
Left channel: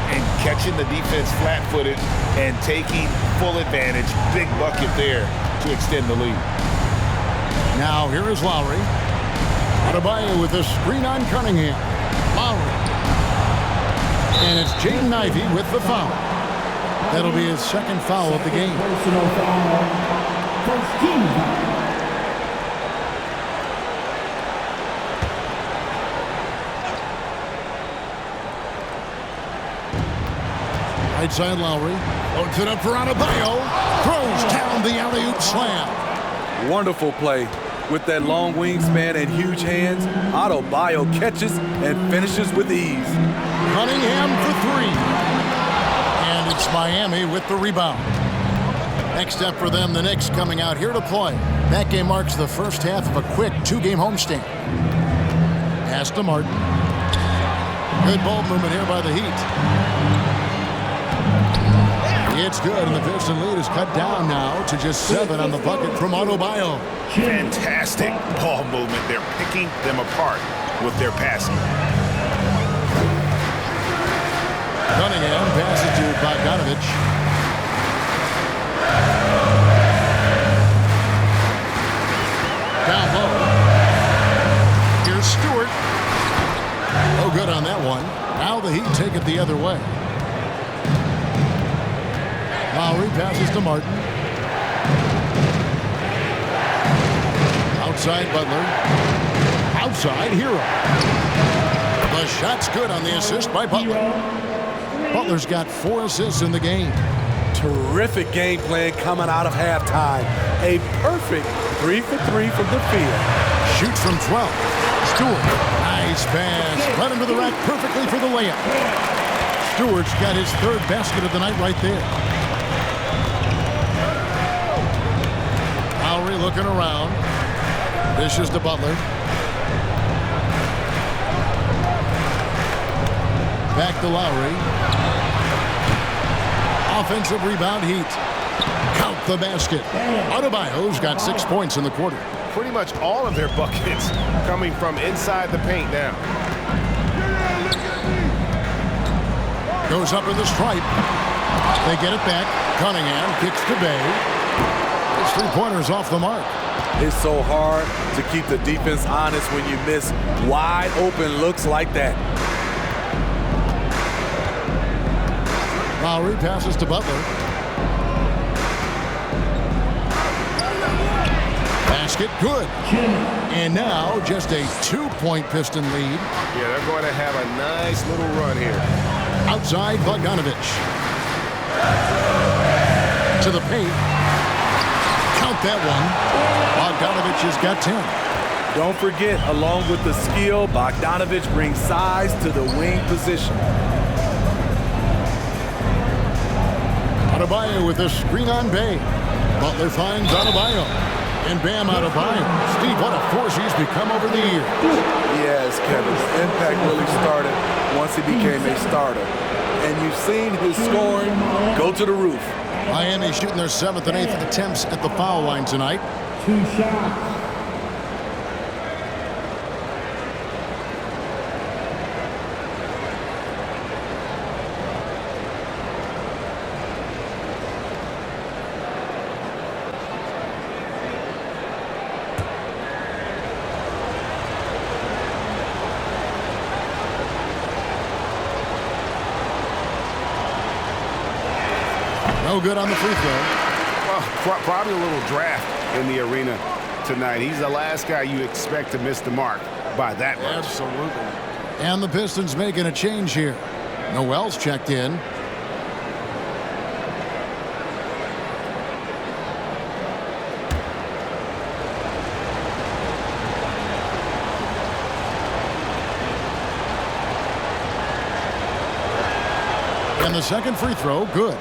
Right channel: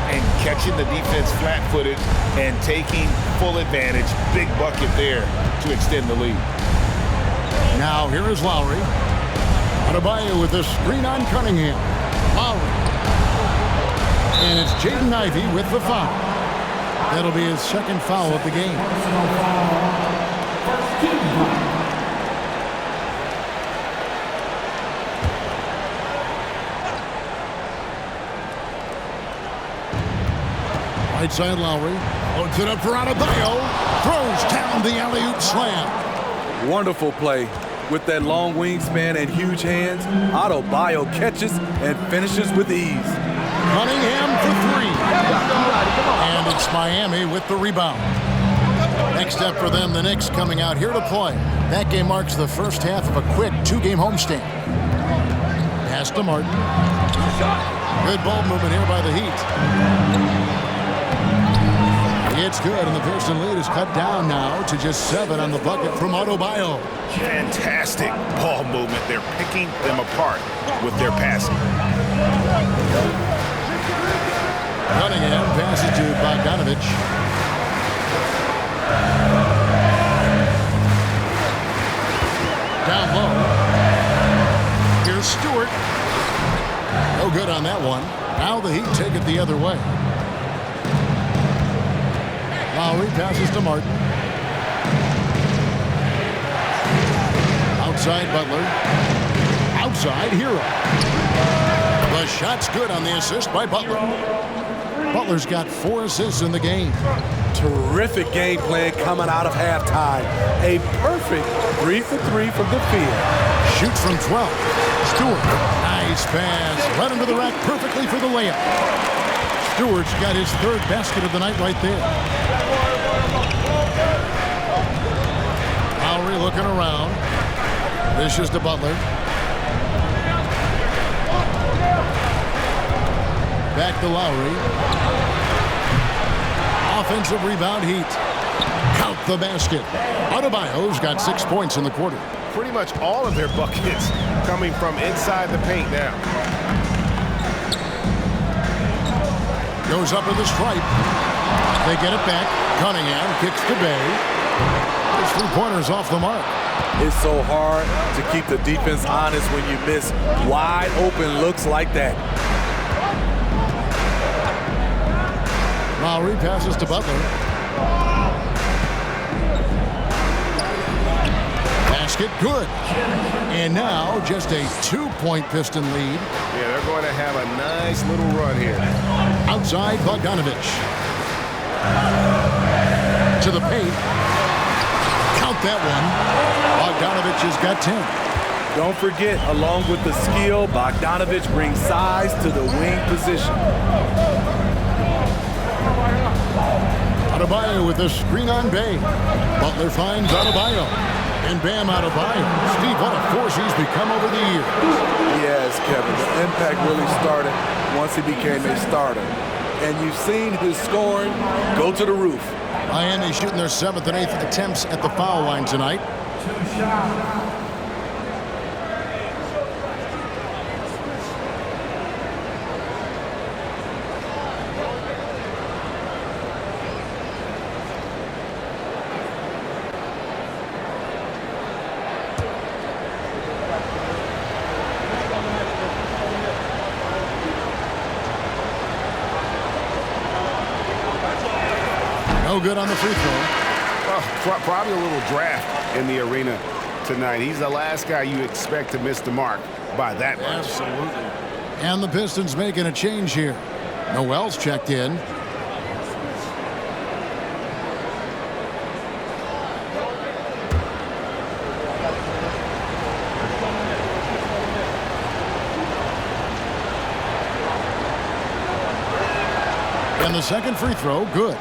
And catching the defense flat-footed and taking full advantage. Big bucket there to extend the lead. Now here is Lowry. Adebayo with the screen on Cunningham. Lowry. And it's Jaden Ivey with the foul. That'll be his second foul of the game. First team foul. Right side Lowry. Loads it up for Adebayo. Throws down the alley-oop slam. Wonderful play. With that long wingspan and huge hands, Adebayo catches and finishes with ease. Cunningham for three. And it's Miami with the rebound. Next up for them, the Knicks coming out here to play. That game marks the first half of a quick two-game homestand. Pass to Martin. Good ball movement here by the Heat. It's good, and the Piston lead is cut down now to just 7 on the bucket from Adebayo. Fantastic ball movement. They're picking them apart with their passing. Cunningham passes to Bogdanovich. Down low. Here's Stewart. No good on that one. Now the Heat take it the other way. Lowry passes to Martin. Outside Butler. Outside Hero. The shot's good on the assist by Butler. Butler's got 4 assists in the game. Terrific game plan coming out of halftime. A perfect 3 for 3 from the field. Shoots from 12. Stewart. Nice pass. Led him to the rack perfectly for the layup. Stewart's got his 3rd basket of the night right there. Lowry looking around. Dishes to Butler. Back to Lowry. Offensive rebound Heat. Count the basket. Adebayo's got 6 points in the quarter. Pretty much all of their buckets coming from inside the paint now. Goes up to the stripe. They get it back. Cunningham kicks to Bay. His 3-pointer's off the mark. It's so hard to keep the defense honest when you miss wide open looks like that. Lowry passes to Butler. Basket good. And now just a 2-point Piston lead. Yeah, they're going to have a nice little run here. Outside Bogdanovich. To the paint. Count that one. Bogdanovich has got 10. Don't forget, along with the skill, Bogdanovich brings size to the wing position. Adebayo with a screen on Bay. Butler finds Adebayo. And Bam Adebayo. Steve, what a force he's become over the years. Yes, Kevin. The impact really started once he became a starter. And you've seen his scoring go to the roof. Miami shooting their 7th and 8th attempts at the foul line tonight. 2 shots. No good on the free throw. Well, probably a little draft in the arena tonight. He's the last guy you expect to miss the mark by that much. Absolutely. And the Pistons making a change here. Noel's checked in. And the second free throw, good.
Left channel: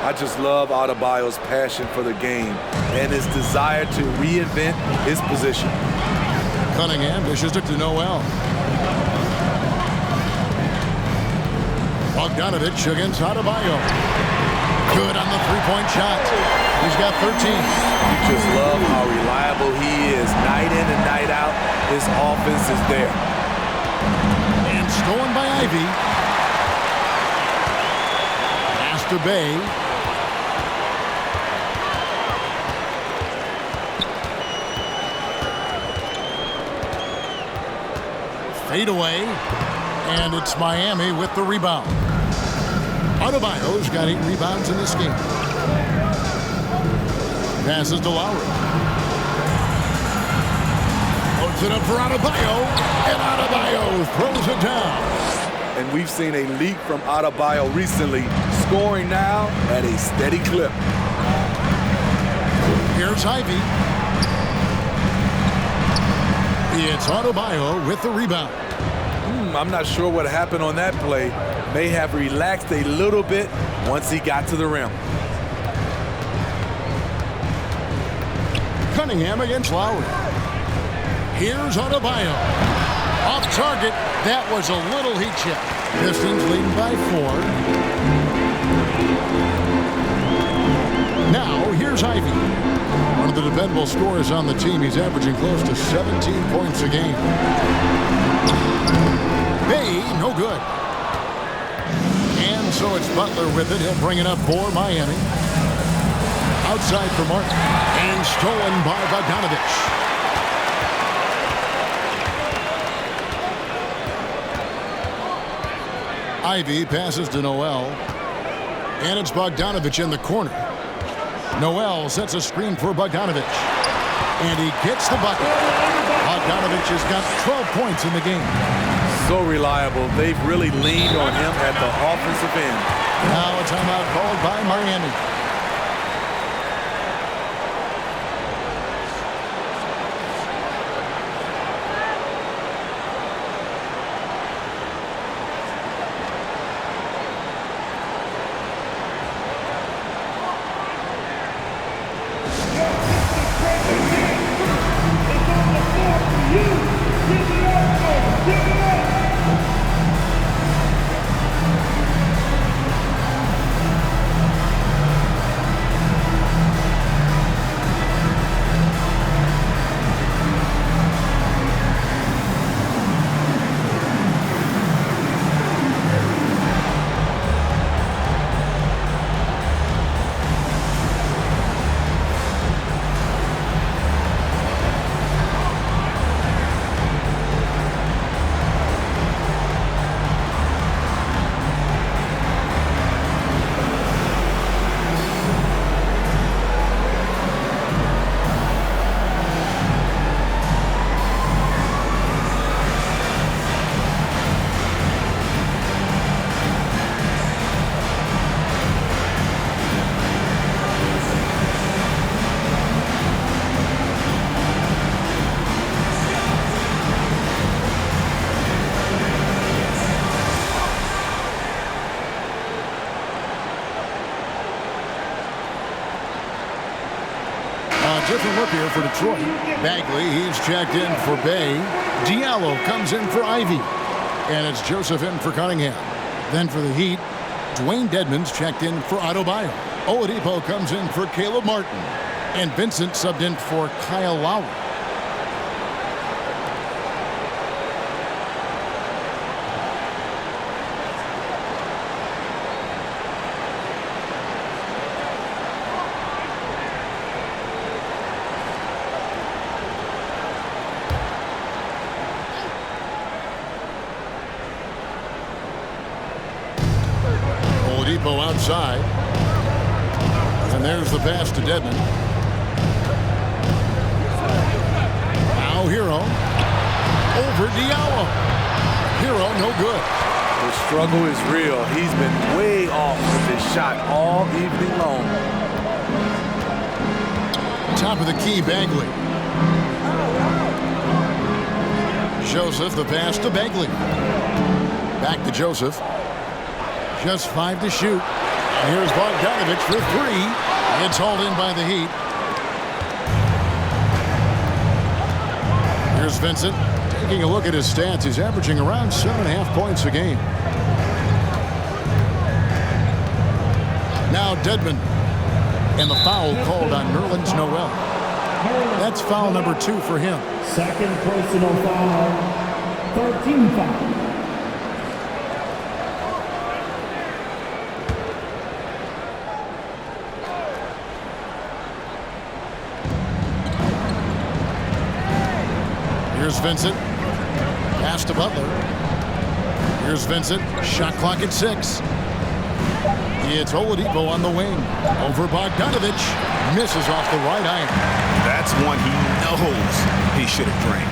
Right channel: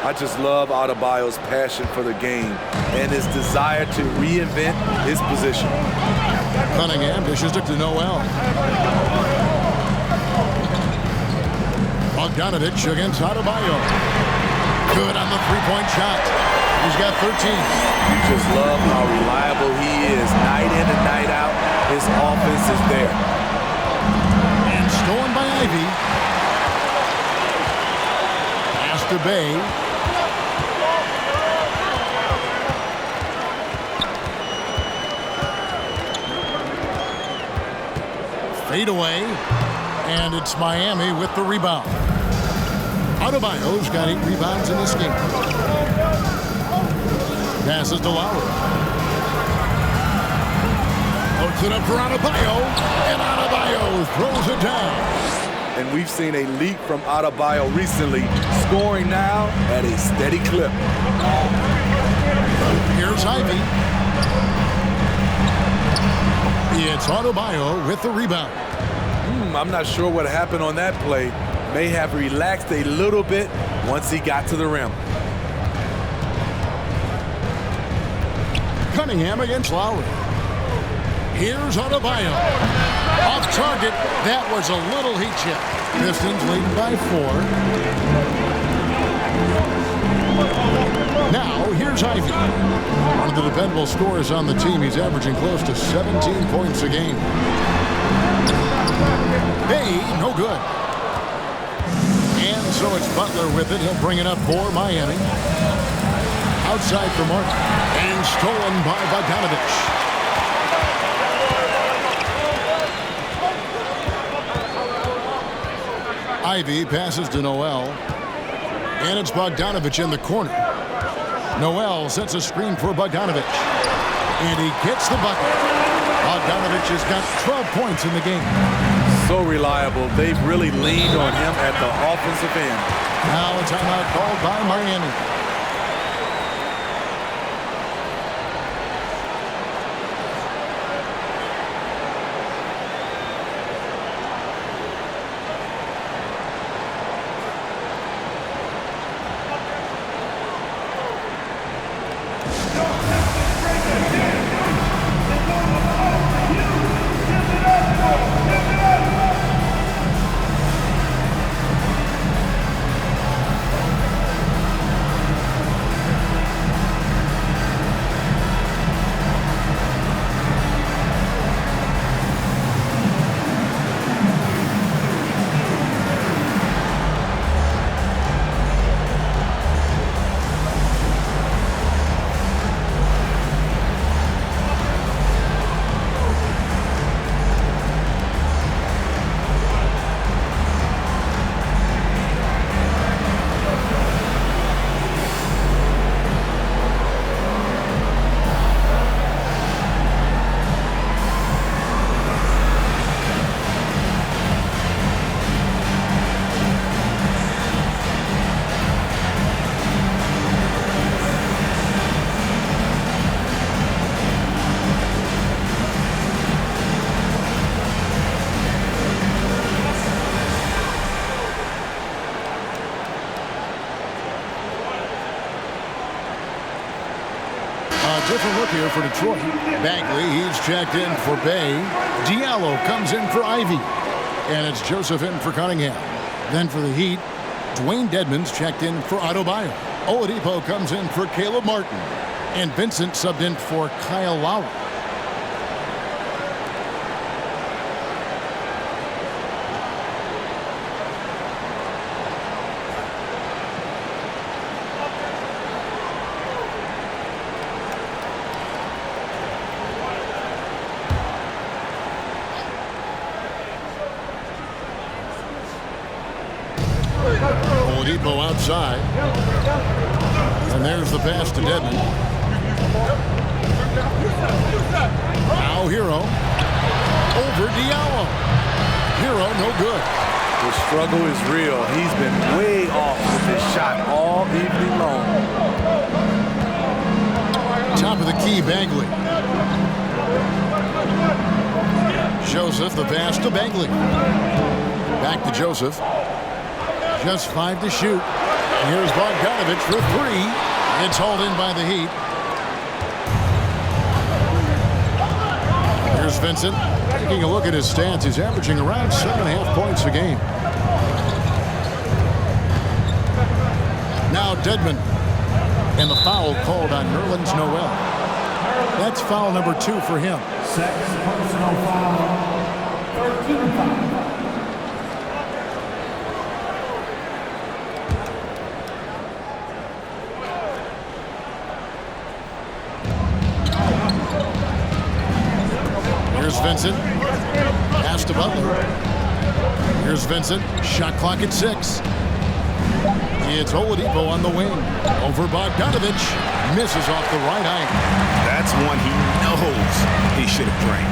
I just love Adebayo's passion for the game and his desire to reinvent his position. Cunningham dishes it to Noel. Bogdanovich against Adebayo. Good on the 3-point shot. He's got 13. You just love how reliable he is. Night in and night out, his offense is there. And stolen by Ivy. Pass to Bay. Fade away, and it's Miami with the rebound. Adebayo's got 8 rebounds in this game. Passes to Lowry. Loads it up for Adebayo, and Adebayo throws it down. And we've seen a leap from Adebayo recently, scoring now at a steady clip. Here's Ivy. It's Adebayo with the rebound. I'm not sure what happened on that play. May have relaxed a little bit once he got to the rim. Cunningham against Lowry. Here's Adebayo. Off target. That was a little heat check. Pistons leading by 4. Now, here's Ivy. One of the dependable scorers on the team. He's averaging close to 17 points a game. Hey, no good. And so it's Butler with it. He'll bring it up for Miami. Outside for Martin. And stolen by Bogdanovich. Ivy passes to Noel. And it's Bogdanovich in the corner. Noel sets a screen for Bogdanovich. And he gets the bucket. Bogdanovich has got 12 points in the game. So reliable. They've really leaned on him at the offensive end. Now a timeout called by Miami. A different look here for Detroit. Bagley, he's checked in for Bay. Diallo comes in for Ivy. And it's Joseph in for Cunningham. Then for the Heat, Dwayne Dedmon's checked in for Adebayo. Oladipo comes in for Caleb Martin. And Vincent subbed in for Kyle Lowry. Oladipo outside. And there's the pass to Dedmon. Now Hero. Over Diallo. Hero no good. The struggle is real. He's been way off with his shot all evening long. Top of the key, Bagley. Joseph, the pass to Bagley. Back to Joseph. Just 5 to shoot. And here's Bogdanovich for 3. It's hauled in by the Heat. Here's Vincent. Taking a look at his stats, he's averaging around 7.5 points a game. Now Dedmon. And the foul called on Nerlens Noel. That's foul number 2 for him. Second personal foul. 13 foul. Here's Vincent. Pass to Butler. Here's Vincent. Shot clock at 6. It's Oladipo on the wing. Over Bogdanovich. Misses off the right iron. That's one he knows he should have drained.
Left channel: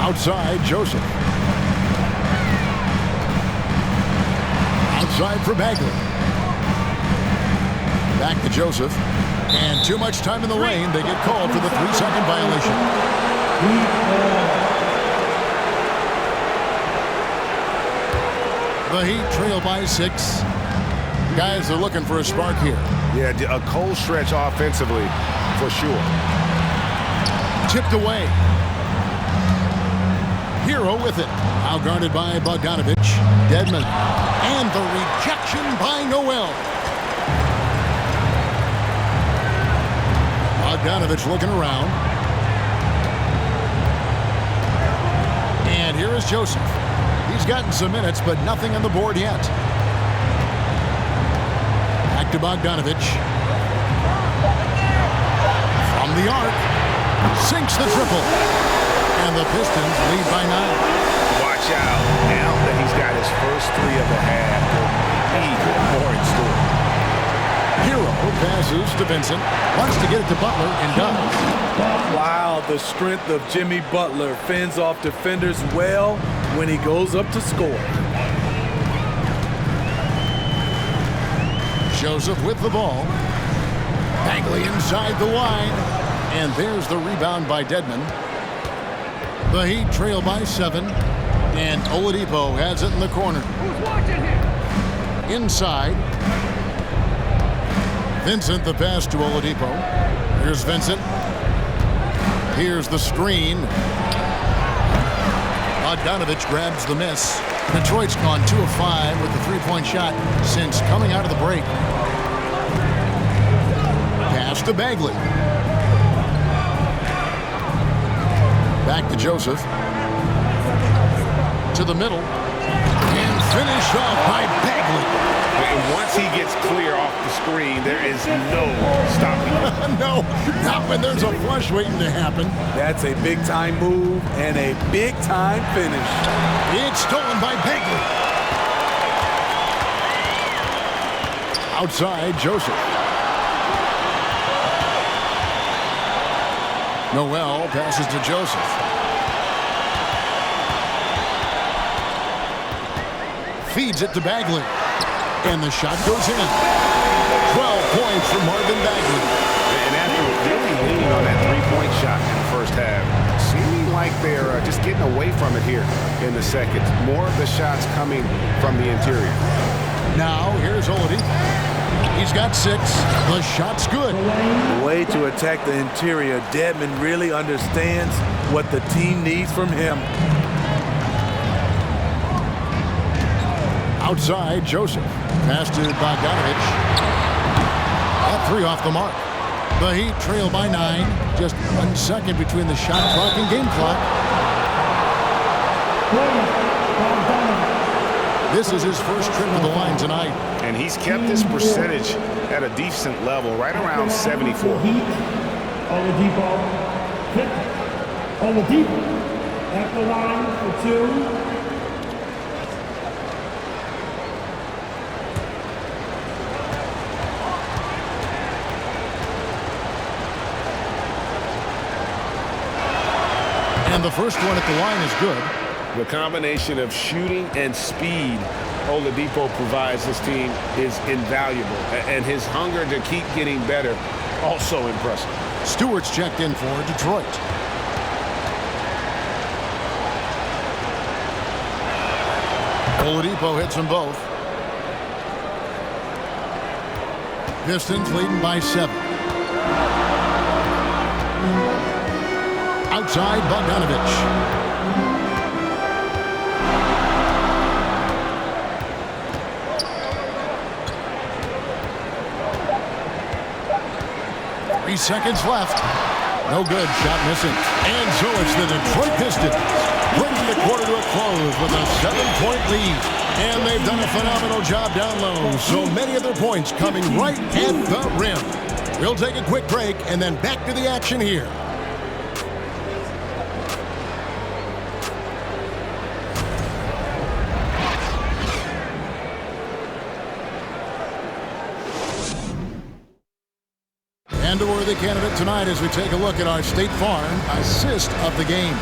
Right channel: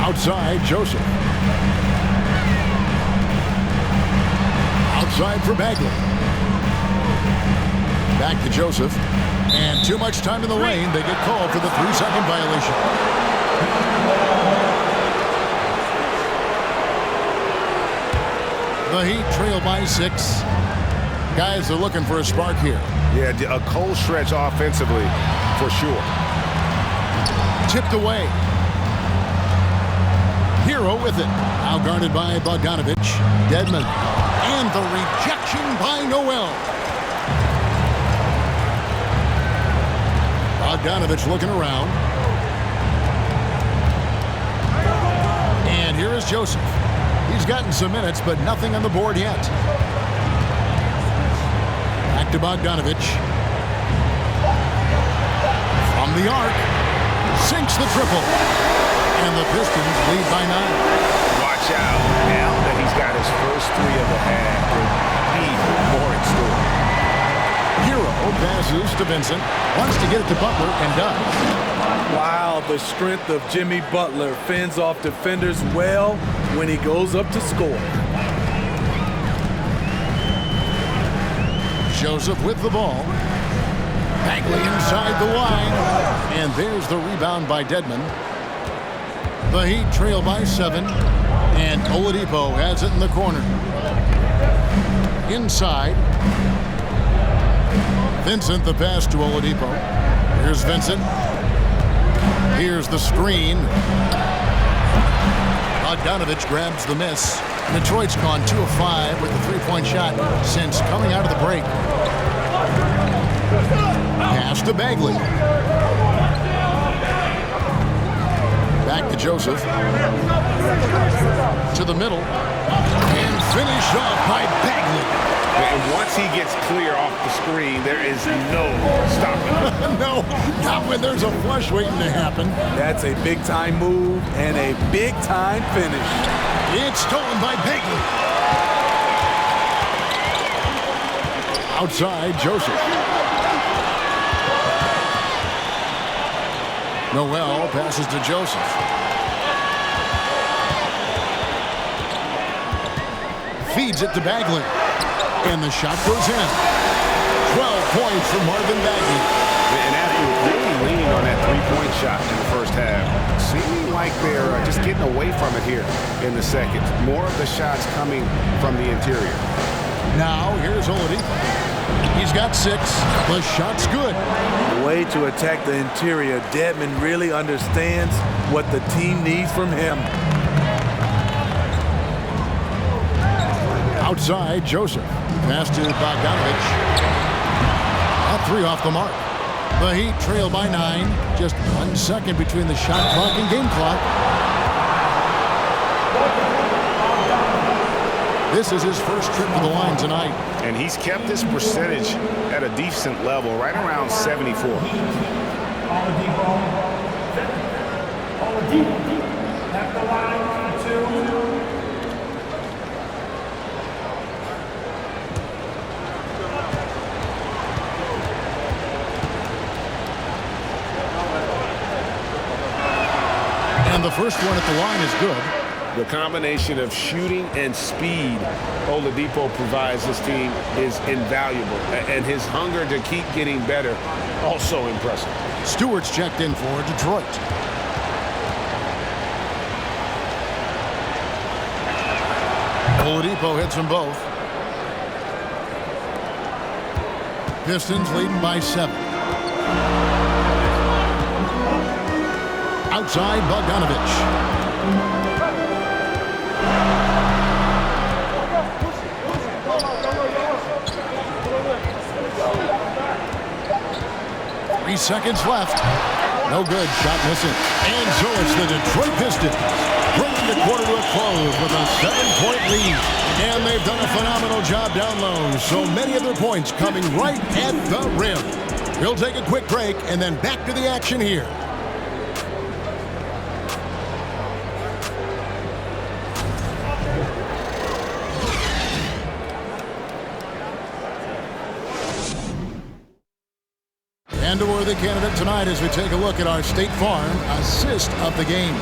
Outside, Joseph. Outside for Bagley. Back to Joseph. And too much time in the lane. They get called for the 3-second violation. The Heat trail by 6. Guys are looking for a spark here. Yeah, a cold stretch offensively for sure. Tipped away. Hero with it. Now guarded by Bogdanovich. Dedmon. And the rejection by Noel. Bogdanovich looking around. And here is Joseph. He's gotten some minutes, but nothing on the board yet. Back to Bogdanovich. From the arc. Sinks the triple. And the Pistons lead by 9. Watch out. Now that he's got his first 3 of the half, there'll be more in store. Hero passes to Vincent. Wants to get it to Butler and does. Wow, the strength of Jimmy Butler fends off defenders well when he goes up to score. Joseph with the ball. Bagley inside the line. And there's the rebound by Dedmon. The Heat trail by 7. And Oladipo has it in the corner. Inside. Vincent the pass to Oladipo. Here's Vincent. Here's the screen. Bogdanovich grabs the miss. Detroit's gone 2 of 5 with the 3-point shot since coming out of the break. Pass to Bagley. Back to Joseph. To the middle. And finished off by Bagley. And once he gets clear off the screen, there is no stopping him. No, not when there's a flush waiting to happen. That's a big-time move and a big-time finish. It's stolen by Bagley. Outside, Joseph. Noel passes to Joseph. Feeds it to Bagley. And the shot goes in. 12 points for Marvin Bagley. And after really leaning on that 3-point shot in the first half, seeming like they're just getting away from it here in the second. More of the shots coming from the interior. Now, here's Oladipo. He's got 6. The shot's good. The way to attack the interior, Dedmon really understands what the team needs from him. Outside, Joseph. Pass to Bogdanovich. That 3 off the mark. The Heat trail by 9. Just 1 second between the shot clock and game clock. This is his first trip to the line tonight. And he's kept his percentage at a decent level, right around 74. Oladipo at the line for 2. And the first one at the line is good. The combination of shooting and speed Oladipo provides this team is invaluable. And his hunger to keep getting better, also impressive. Stewart's checked in for Detroit. Oladipo hits them both. Pistons leading by 7. Outside, Bogdanovich. Three seconds left. No good. Shot missing. And so it's the Detroit Pistons bringing the quarter to a close with a 7-point lead. And they've done a phenomenal job down low. So many of their points coming right at the rim. We'll take a quick break and then back to the action here. And a worthy candidate tonight as we take a look at our State Farm assist of the game.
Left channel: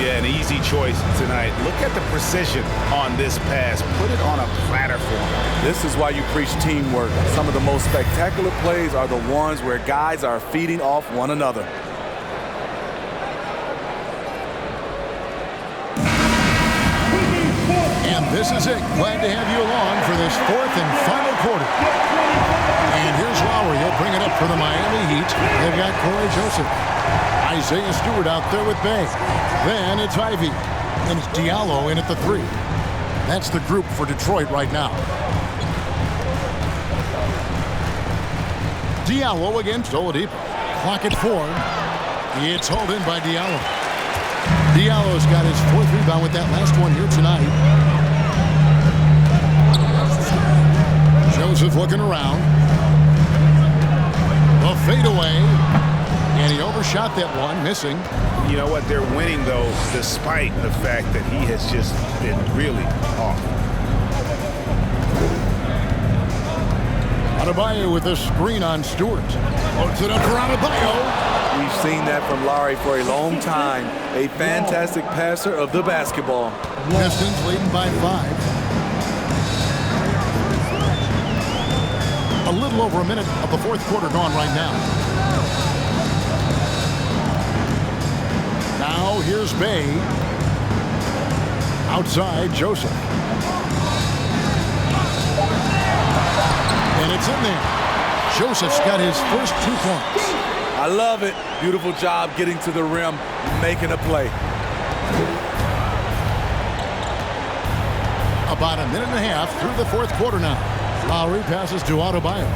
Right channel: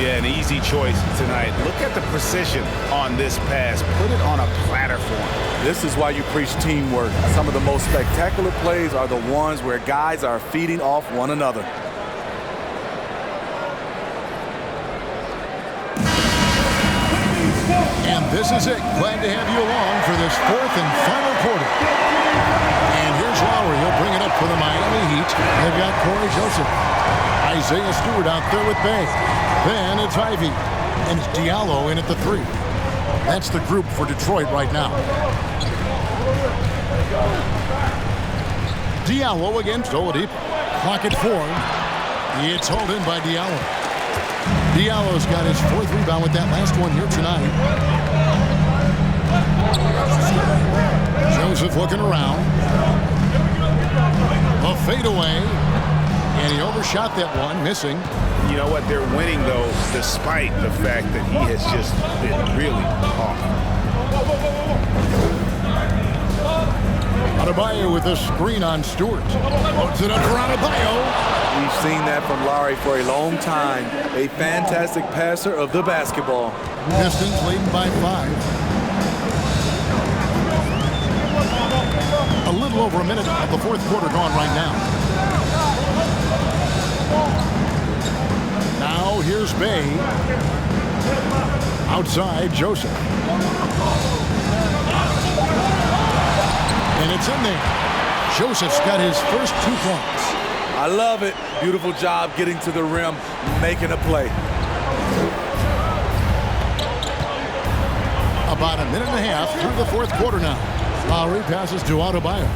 Yeah, an easy choice tonight. Look at the precision on this pass. Put it on a platter for him. This is why you preach teamwork. Some of the most spectacular plays are the ones where guys are feeding off one another. And this is it. Glad to have you along for this fourth and final quarter. And here's Lowry. He'll bring it up for the Miami Heat. They've got Corey Joseph. Isaiah Stewart out there with Bay. Then it's Ivy. And it's Diallo in at the 3. That's the group for Detroit right now. Diallo against Oladipo. Clock at 4. It's hauled in by Diallo. Diallo's got his 4th rebound with that last one here tonight. Joseph looking around. A fadeaway. And he overshot that one, missing. You know what? They're winning, though, despite the fact that he has just been really off. Adebayo with a screen on Stewart. Puts it up for Adebayo. We've seen that from Lowry for a long time. A fantastic passer of the basketball. Pistons leading by 5. A little over a minute of the 4th quarter gone right now. Now here's Bay. Outside, Joseph. And it's in there. Joseph's got his first 2 points. I love it. Beautiful job getting to the rim, making a play. About a minute and a half through the 4th quarter now. Lowry passes to Adebayo.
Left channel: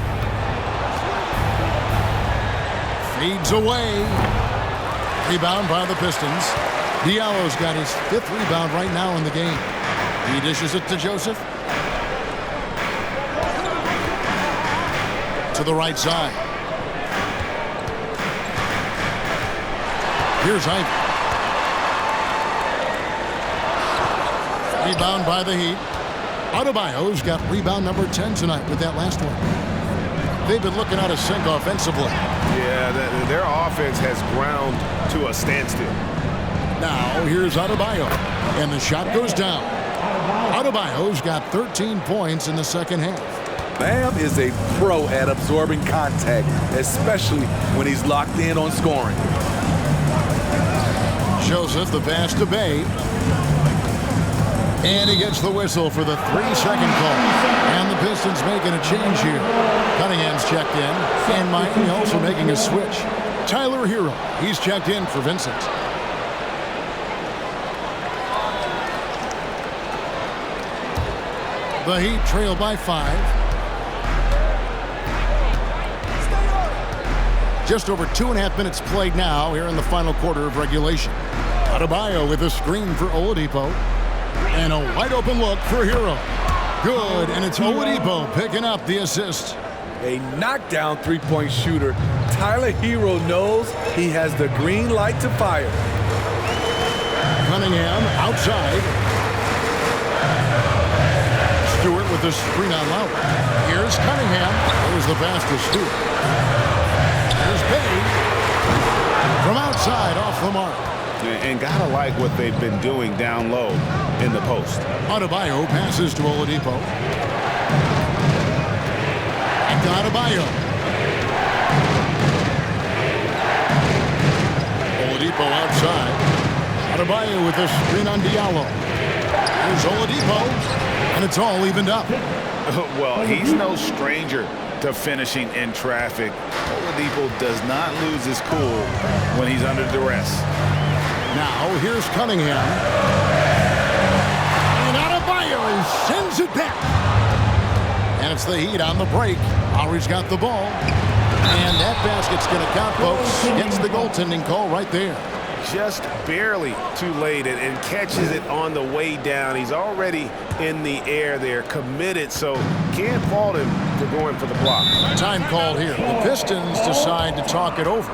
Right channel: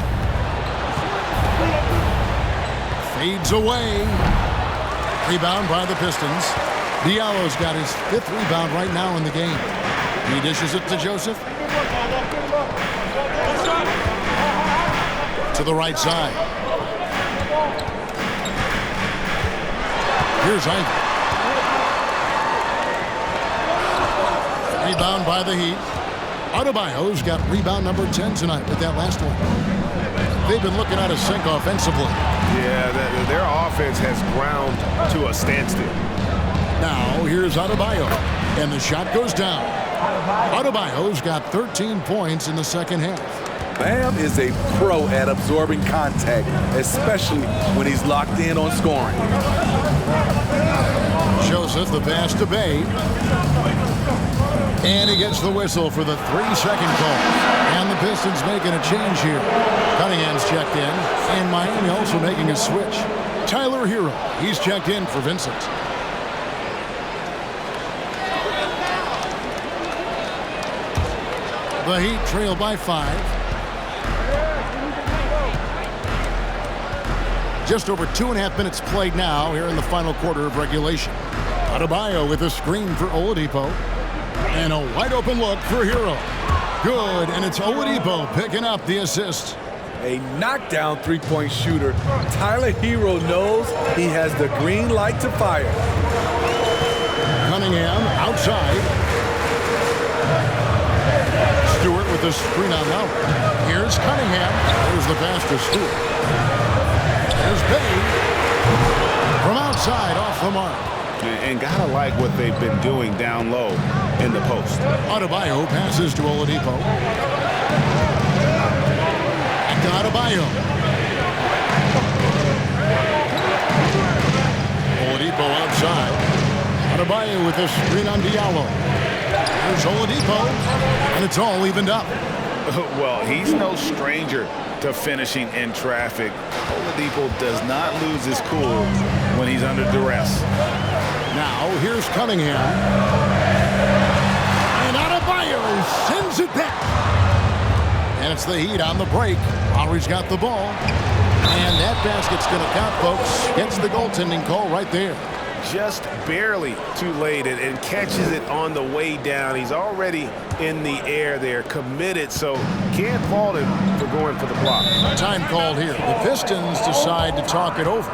Fades away. Rebound by the Pistons. Diallo's got his 5th rebound right now in the game. He dishes it to Joseph. To the right side. Here's Ivy. Rebound by the Heat. Adebayo's got rebound number 10 tonight with that last one. They've been looking out of sync offensively. Yeah, their offense has ground to a standstill. Now here's Adebayo. And the shot goes down. Adebayo's got 13 points in the second half. Bam is a pro at absorbing contact, especially when he's locked in on scoring. Joseph, the pass to Bay. And he gets the whistle for the 3-second call. And the Pistons making a change here. Cunningham's checked in. And Miami also making a switch. Tyler Hero, he's checked in for Vincent. The Heat trail by 5. Just over 2.5 minutes played now here in the final quarter of regulation. Adebayo with a screen for Oladipo. And a wide open look for Hero. Good, and it's Oladipo picking up the assist. A knockdown 3-point shooter. Tyler Hero knows he has the green light to fire. Cunningham outside. Stewart with the screen on Lowry. Here's Cunningham. There's the pass to Stewart. There's Bay. From outside, off the mark. And gotta like what they've been doing down low in the post. Adebayo passes to Oladipo. Back to Adebayo. Oladipo outside. Adebayo with a screen on Diallo. Here's Oladipo. And it's all evened up. Well, he's no stranger to finishing in traffic. Oladipo does not lose his cool when he's under duress. Now, here's Cunningham. And Adebayo sends it back. And it's the Heat on the break. Lowry's got the ball. And that basket's going to count, folks. Gets the goaltending call right there. Just barely too late and catches it on the way down. He's already in the air there, committed, so can't fault him for going for the block. Time called here. The Pistons decide to talk it over.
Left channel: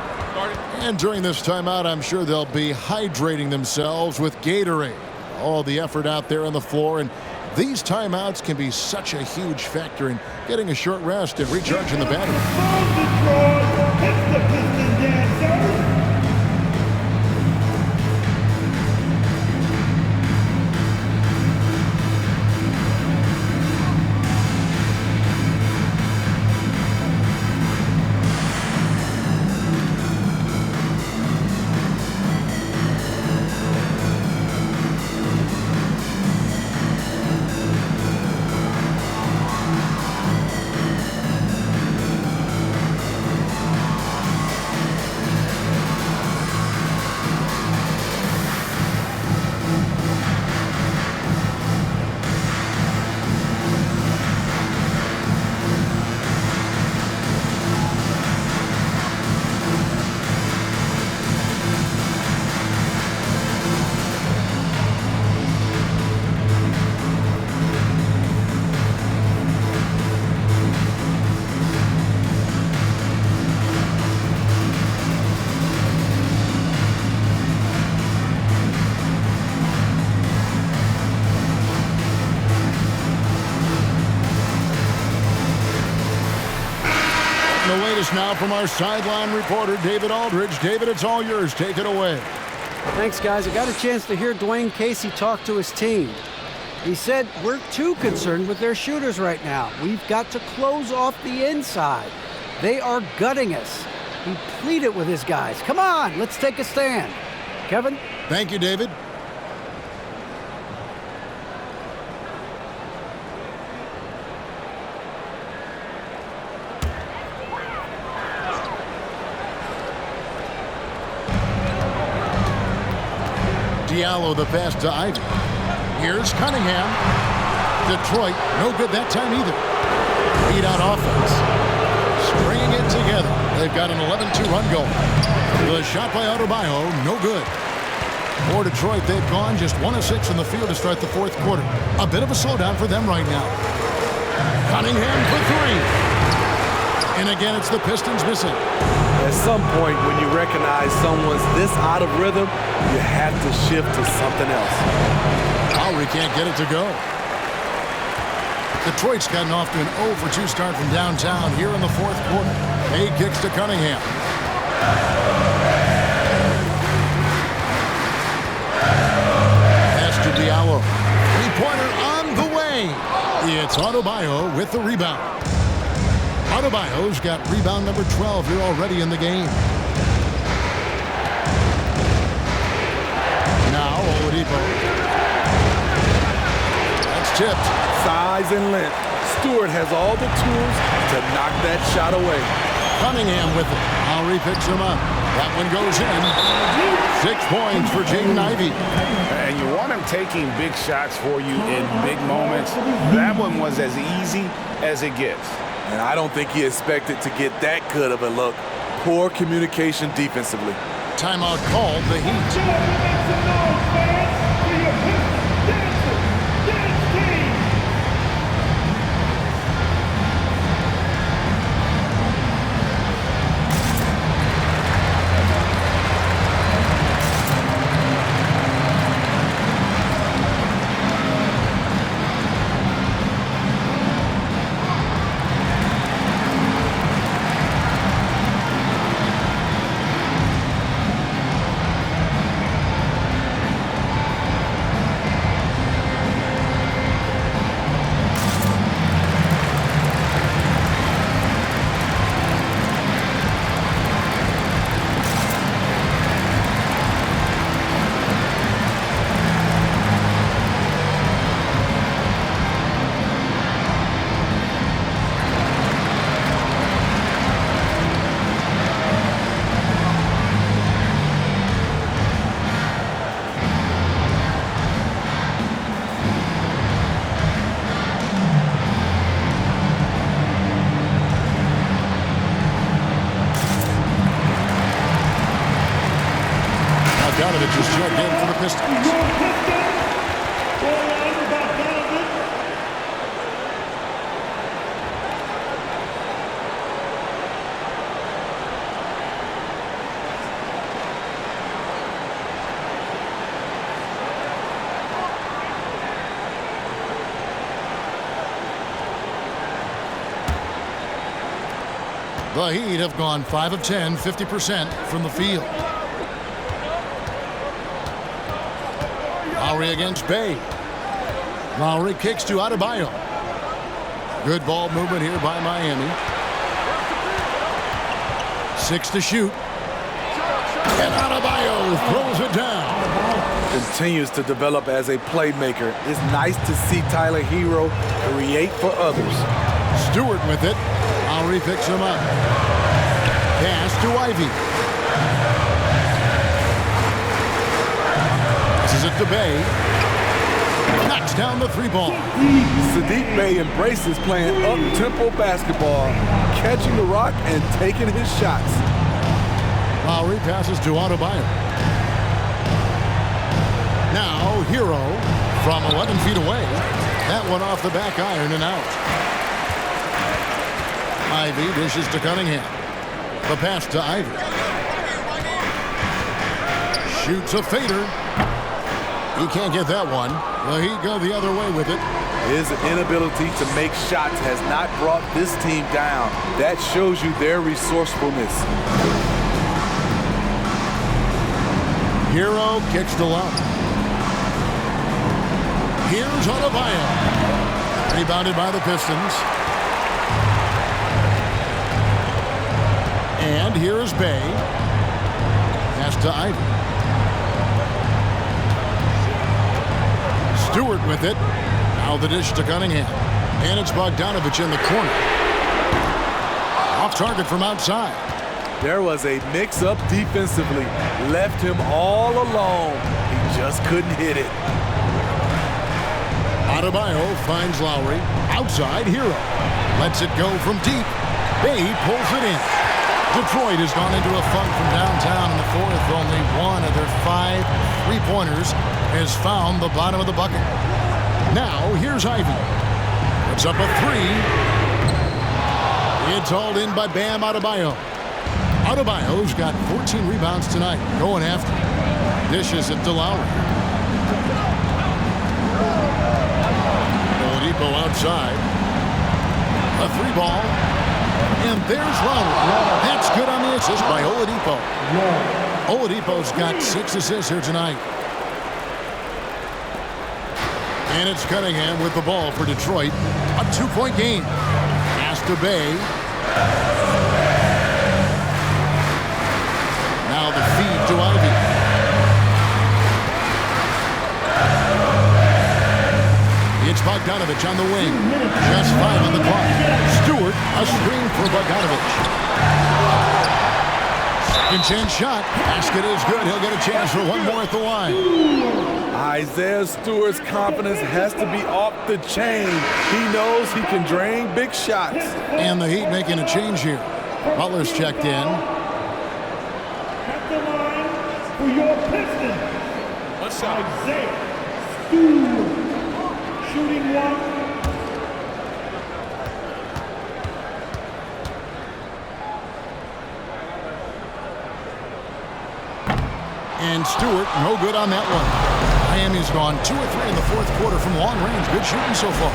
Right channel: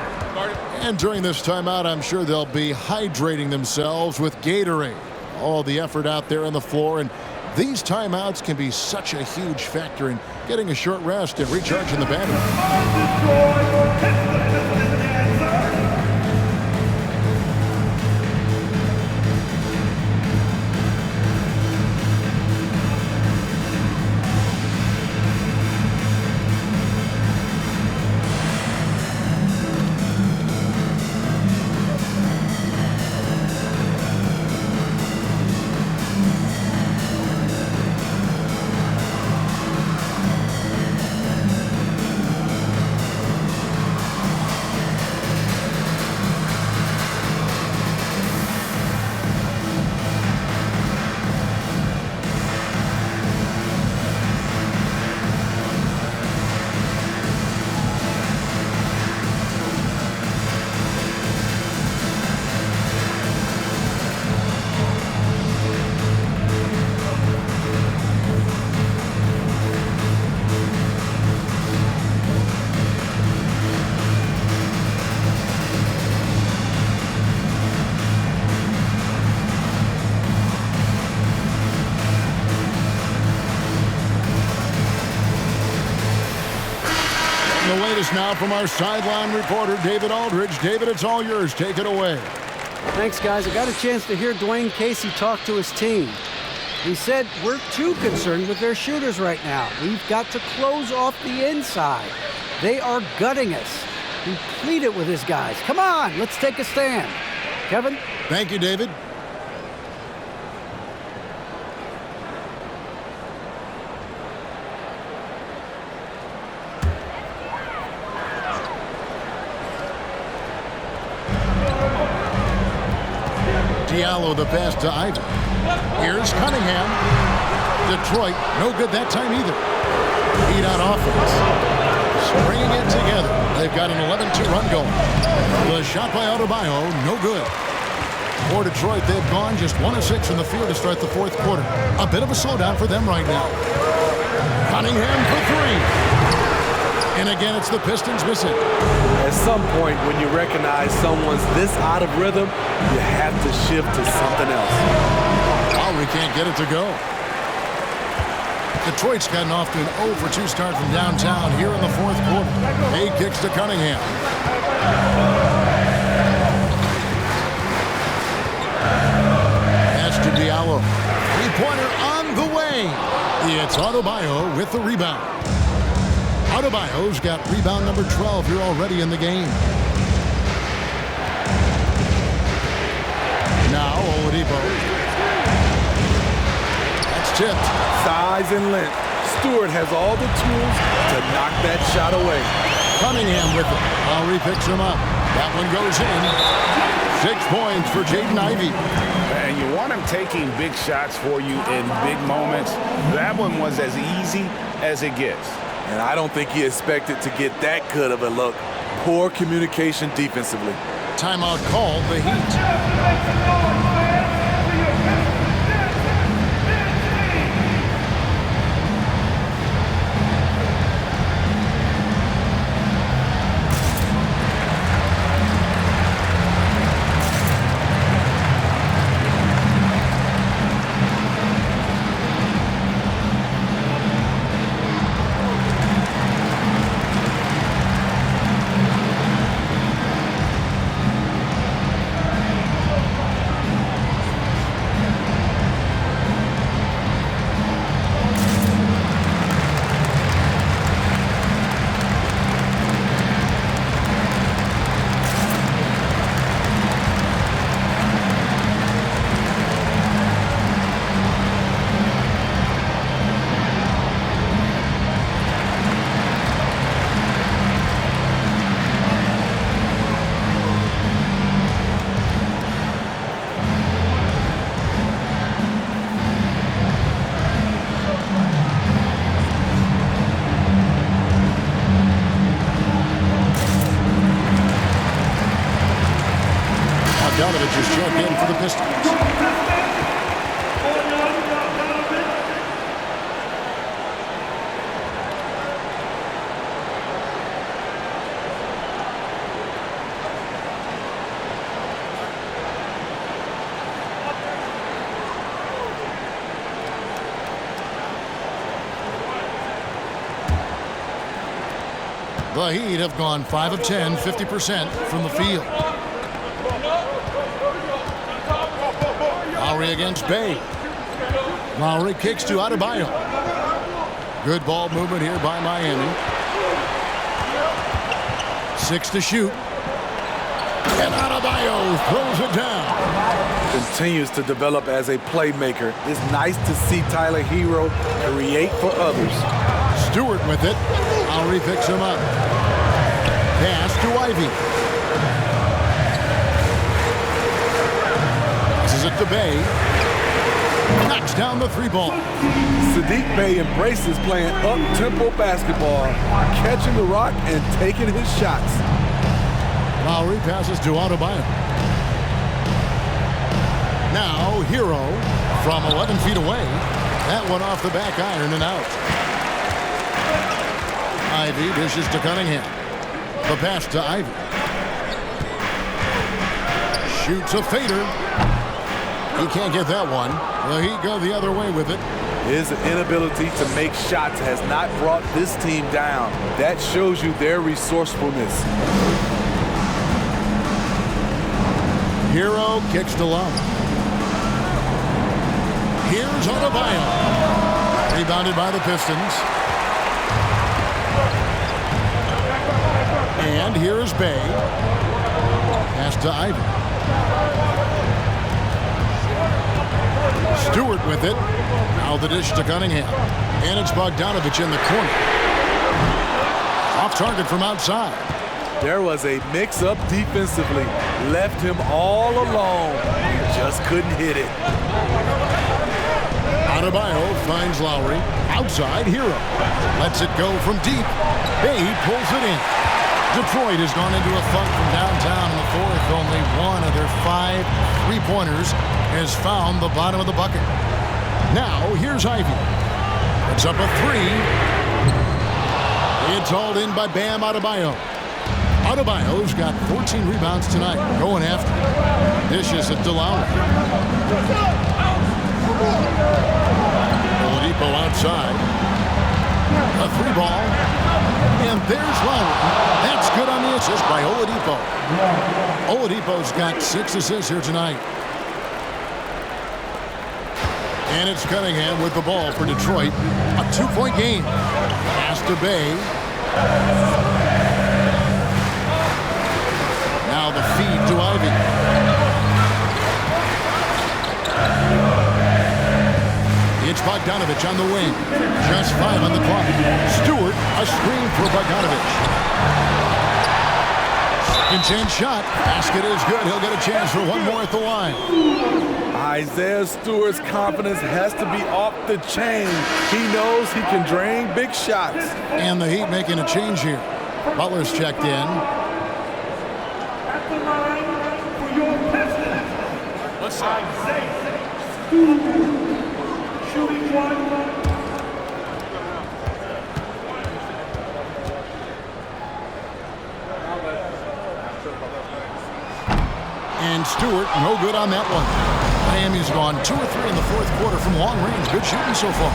And during this timeout, I'm sure they'll be hydrating themselves with Gatorade. All the effort out there on the floor, and these timeouts can be such a huge factor in getting a short rest and recharging the battery. Getting the latest now from our sideline reporter, David Aldridge. David, it's all yours. Take it away. Thanks, guys. I got a chance to hear Dwayne Casey talk to his team. He said, we're too concerned with their shooters right now. We've got to close off the inside. They are gutting us. He pleaded with his guys. Come on, let's take a stand. Kevin? Thank you, David. Diallo the pass to Ivy. Here's Cunningham. Detroit, no good that time either. Beat out offense. Stringing it together. They've got an 11-2 run going. The shot by Adebayo, no good. For Detroit, they've gone just 1 of 6 from the field to start the fourth quarter. A bit of a slowdown for them right now. Cunningham for 3. And again, it's the Pistons missing. At some point, when you recognize someone's this out of rhythm, you have to shift to something else. Lowry can't get it to go. Detroit's gotten off to an 0 for 2 start from downtown here in the fourth quarter. Hay kicks to Cunningham. Pass to Diallo. Three-pointer on the way. It's Adebayo with the rebound. Adebayo's got rebound number 12 here already in the game. Now Oladipo. That's tipped. Size and length. Stewart has all the tools to knock that shot away. Cunningham with it. Lowry picks him up. That one goes in. 6 points for Jaden Ivey. And you want him taking big shots for you in big moments. That one was as easy as it gets. And I don't think he expected to get that good of a look. Poor communication defensively. Timeout called, the Heat. Bogdanovich is checked in for the Pistons. The Heat have gone 5 of 10, 50% from the field. Lowry against Bay. Lowry kicks to Adebayo. Good ball movement here by Miami. 6 to shoot. And Adebayo throws it down. Continues to develop as a playmaker. It's nice to see Tyler Hero create for others. Stewart with it. Lowry picks him up. Pass to Ivy. Passes it to Bay. Knocks down the 3-ball. Sadiq Bey embraces playing up-tempo basketball, catching the rock and taking his shots. Lowry passes to Adebayo. Now Hero from 11 feet away. That one off the back iron and out. Ivy dishes to Cunningham. The pass to Ivy. Shoots a fader. He can't get that one. The Heat go the other way with it. His inability to make shots has not brought this team down. That shows you their resourcefulness. Hero kicks to Love. Here's Adebayo. Rebounded by the Pistons. And here is Bay. Pass to Ivy. Stewart with it. Now the dish to Cunningham. And it's Bogdanovich in the corner. Off target from outside. There was a mix-up defensively. Left him all alone. He just couldn't hit it. Adebayo finds Lowry. Outside, Hero. Lets it go from deep. Bay pulls it in. Detroit has gone into a funk from downtown in the fourth. Only one of their 5 3-pointers has found the bottom of the bucket. Now, here's Ivy. It's up a 3. It's hauled in by Bam Adebayo. Adebayo's got 14 rebounds tonight. Going after. Dishes it to Lowry. Oladipo outside. A 3-ball. And there's Lowry. That's good on the assist by Oladipo. Oladipo's got 6 assists here tonight. And it's Cunningham with the ball for Detroit. A 2-point game. Pass to Bay. Now the feed to Ivy. It's Bogdanovich on the wing. Just 5 on the clock. Stewart, a screen for Bogdanovich. Second chance shot. Basket is good. He'll get a chance for one more at the line. Isaiah Stewart's confidence has to be off the chain. He knows he can drain big shots. And the Heat making a change here. Butler's checked in. At the line for your Pistons. What's up? Isaiah Stewart. Shooting 1. And Stewart, no good on that one. Miami's gone 2 of 3 in the fourth quarter from long range. Good shooting so far.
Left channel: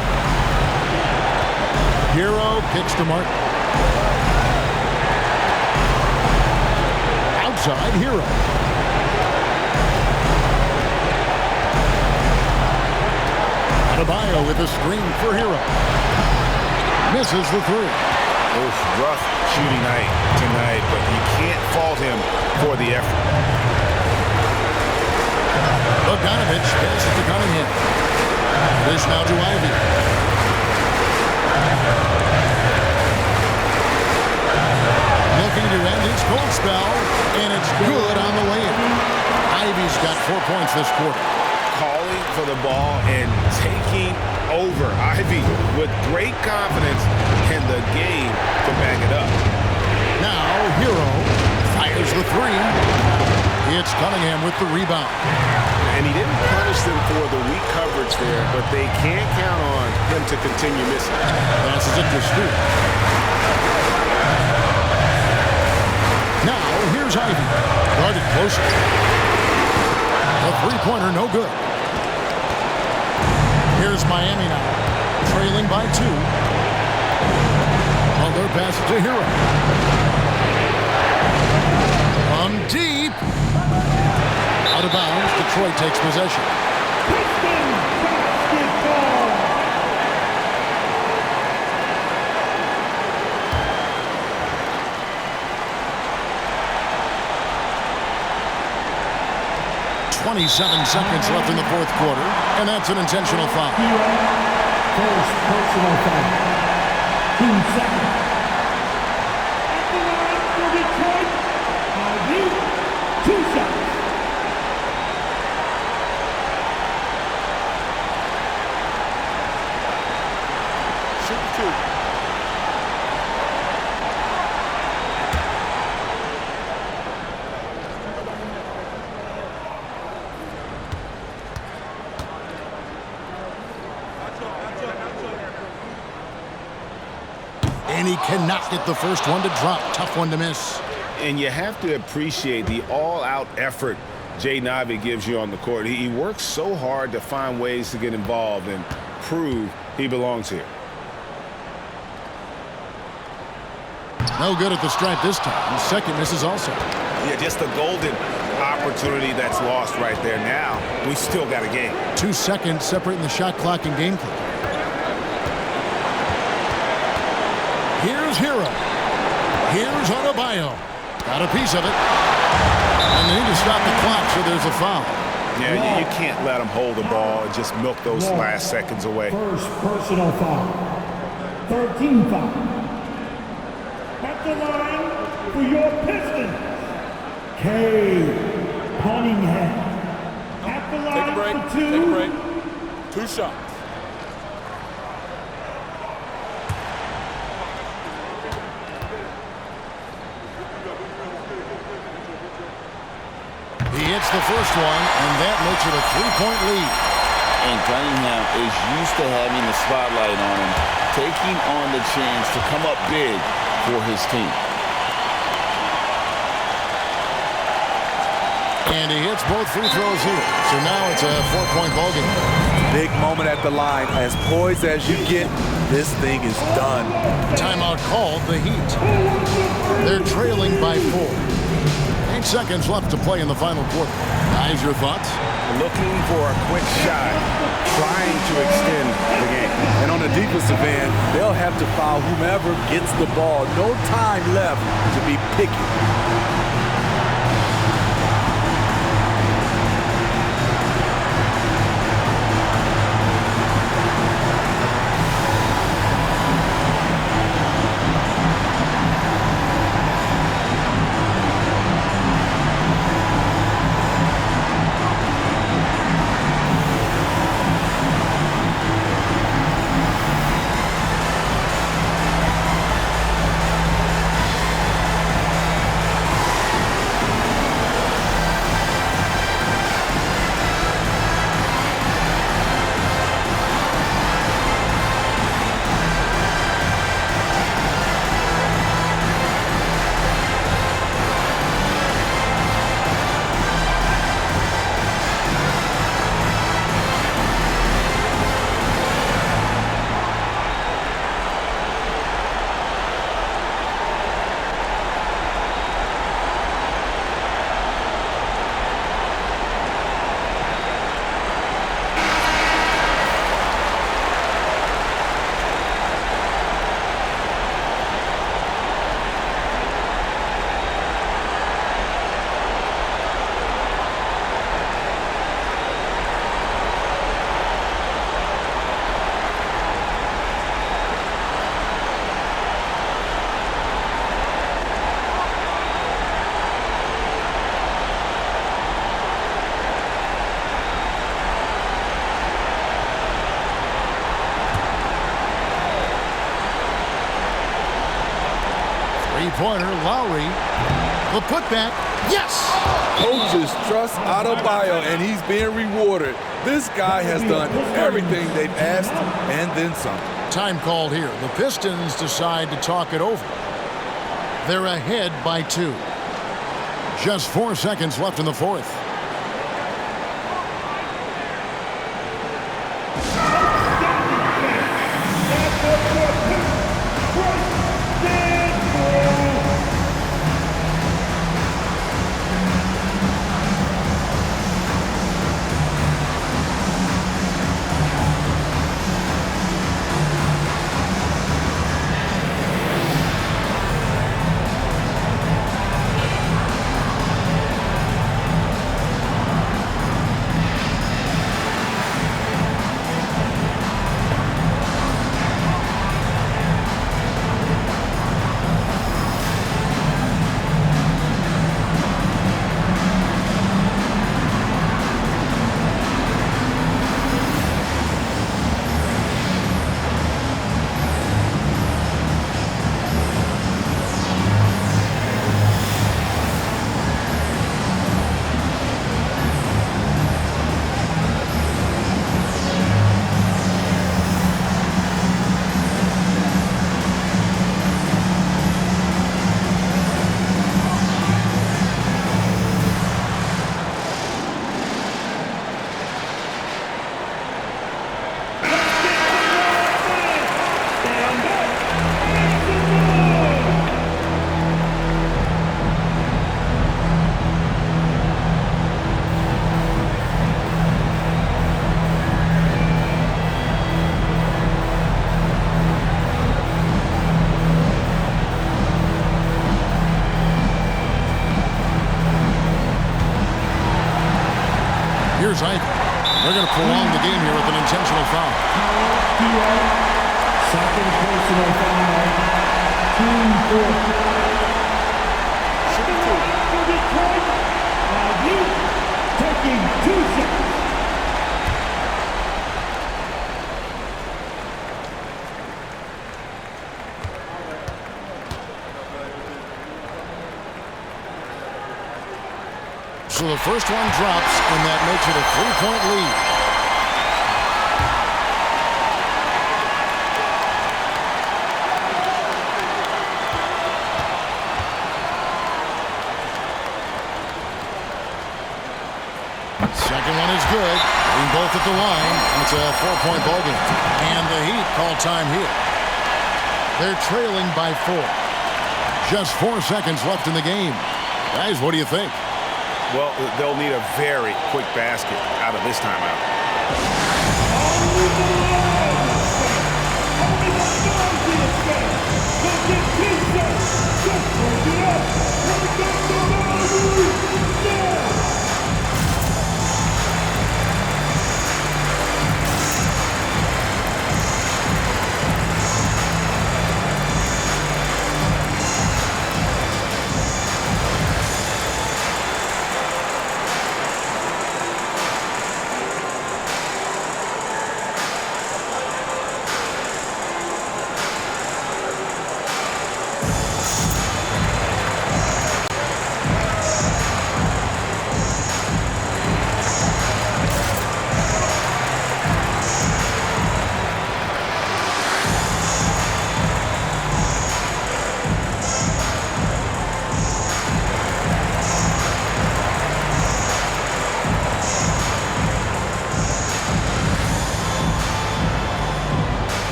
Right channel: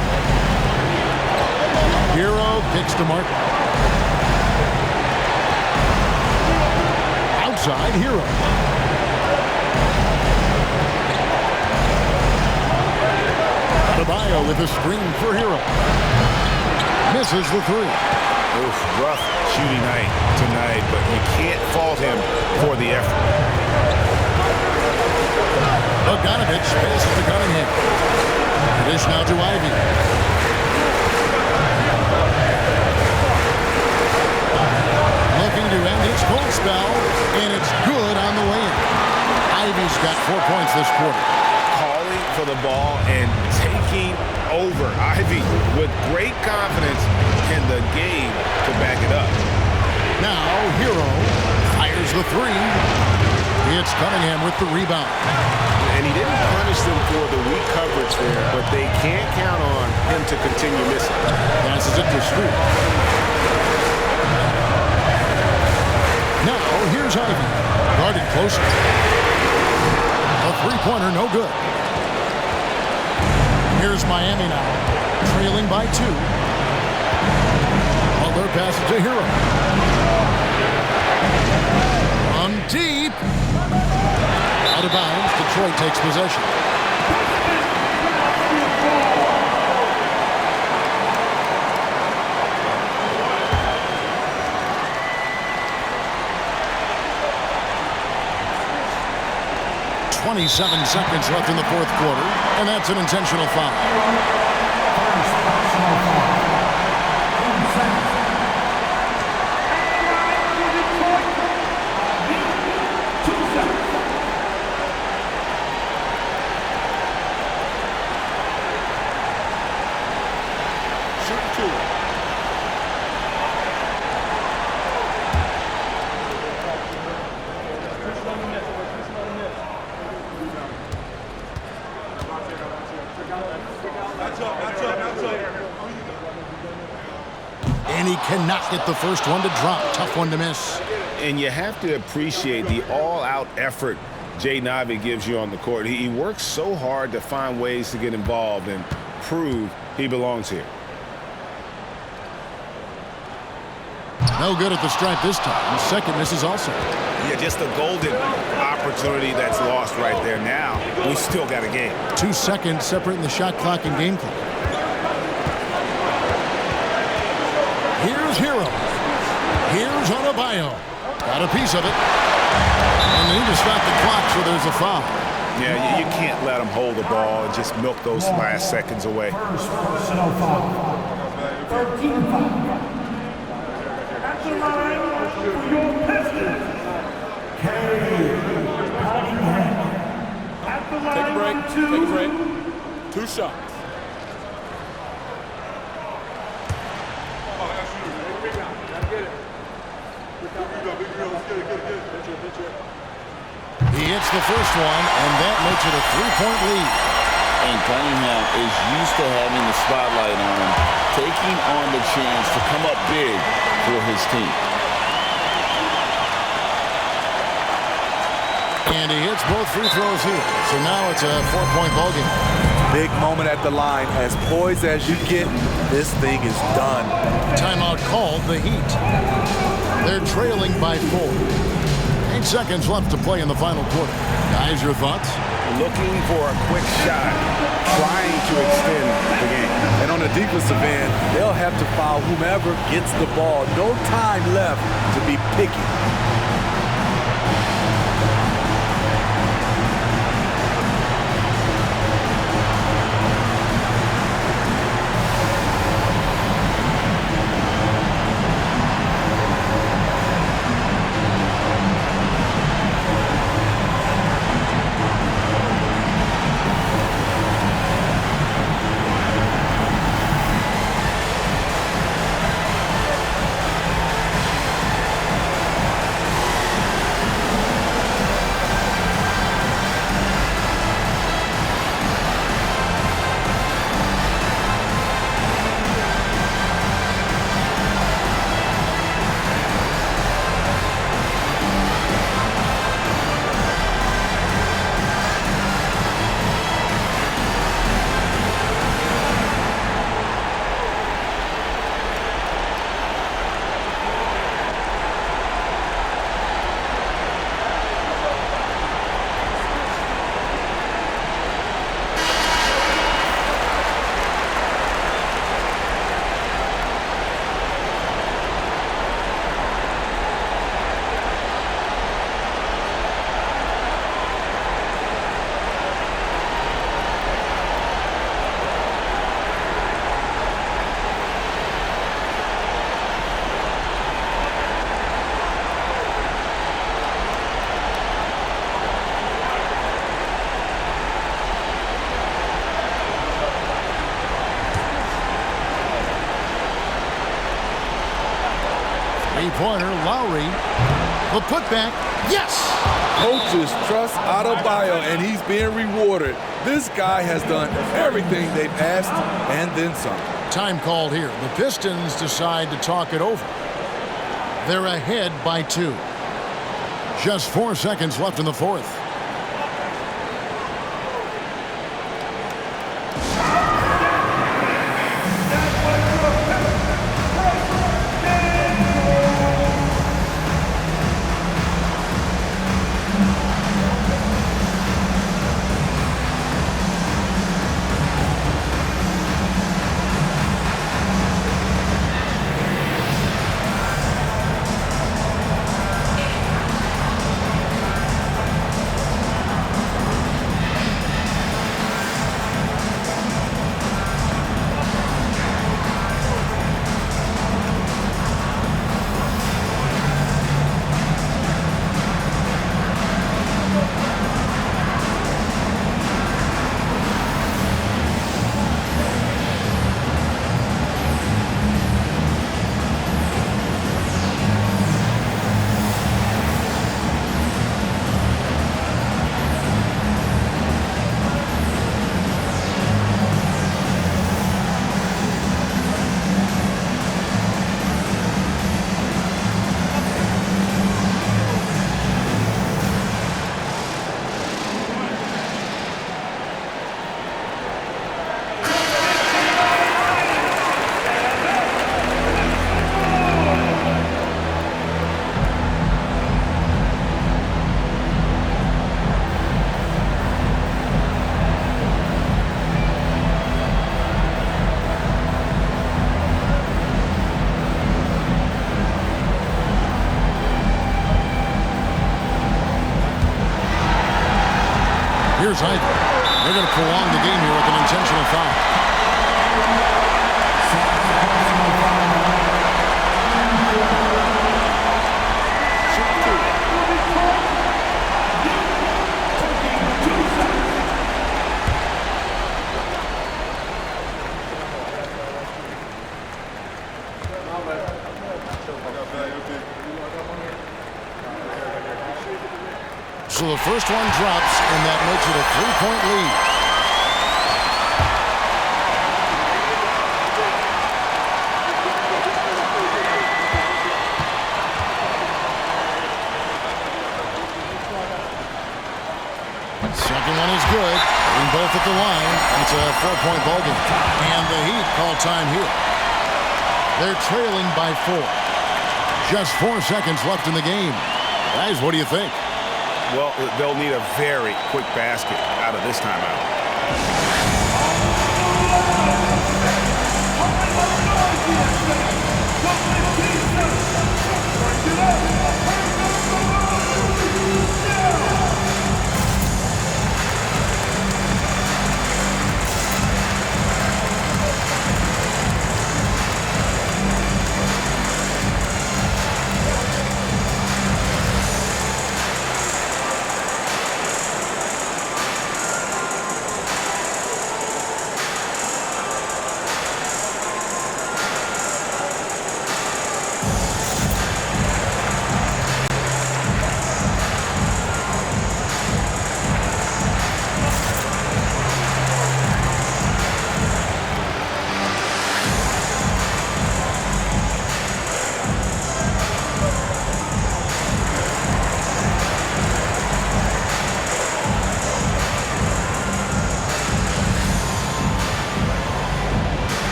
Hero kicks to Martin. Outside, Hero. Adebayo with a screen for Hero. Misses the 3. Oof, rough shooting night tonight, but you can't fault him for the effort. Bogdanovich passes to Cunningham. Dish now to Ivy. Looking to end his cold spell, and it's good on the way in. Ivy's got 4 points this quarter. Calling for the ball and taking over. Ivy with great confidence in the game to back it up. Now Hero fires the 3. It's Cunningham with the rebound. And he didn't punish them for the weak coverage there, but they can't count on him to continue missing. Passes it to Stewart. Now here's Ivy. Guarded closer. A 3-pointer, no good. Here's Miami now, trailing by 2. Butler passes to Hero. From deep. Out of bounds, Detroit takes possession. .27 seconds left in the fourth quarter, and that's an intentional foul. First personal foul. 2 seconds. At the line for Detroit, Ivy, 2 seconds. Shoot 2. And he cannot get the first one to drop. Tough one to miss. And you have to appreciate the all-out effort Jaden Ivey gives you on the court. He works so hard to find ways to get involved, and prove he belongs here. No good at the stripe this time. Second misses also. Yeah, just a golden opportunity that's lost right there. Now, we still got a game. 2 seconds separating the shot clock and game clock. Here's Hero. Here's Adebayo. Got a piece of it. And they need to stop the clock, so there's a foul. Yeah, you can't let them hold the ball and just milk those last seconds away. First personal foul. 13 foul. At the line for your Pistons, Cade Cunningham. At the line Take a break. for 2. Take a break. 2 shots. He hits the first one, and that makes it a 3-point lead. And Cunningham is used to having the spotlight on him, taking on the chance to come up big for his team. And he hits both free throws here. So now it's a 4-point ballgame. Big moment at the line. As poised as you get, this thing is done. Timeout called, the Heat. They're trailing by 4. 8 seconds left to play in the final quarter. Guys, your thoughts? Looking for a quick shot, trying to extend the game. And on the defensive end, they'll have to foul whomever gets the ball. No time left to be picky. Three-pointer, Lowry. The putback, yes! Coaches trust Adebayo, and he's being rewarded. This guy has done everything they've asked and then some. Time called here. The Pistons decide to talk it over. They're ahead by 2. Just 4 seconds left in the fourth. Here's Ivy. They're going to prolong the game here with an intentional foul. Second personal foul. Team 4. Shoot 2. For Detroit, you taking 2 shots. So the first one drops, and that makes it a 3-point lead. Second one is good. Hitting both at the line, and it's a 4-point ball game. And the Heat call time here. They're trailing by 4. Just 4 seconds left in the game. Guys, what do you think? Well, they'll need a very quick basket out of this timeout.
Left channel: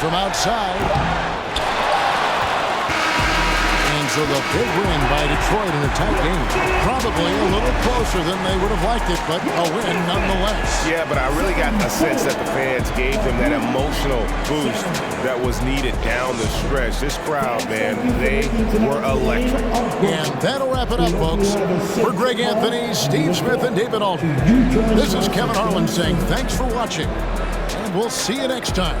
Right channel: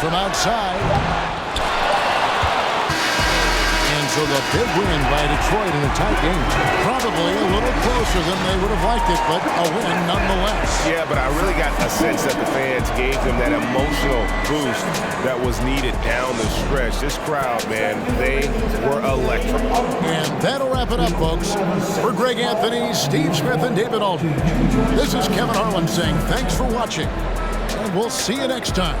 From outside. And so the big win by Detroit in a tight game. Probably a little closer than they would have liked it, but a win nonetheless. Yeah, but I really got a sense that the fans gave them that emotional boost that was needed down the stretch. This crowd, man, they were electric. And that'll wrap it up, folks. For Greg Anthony, Steve Smith, and David Aldridge, this is Kevin Harlan saying thanks for watching, and we'll see you next time.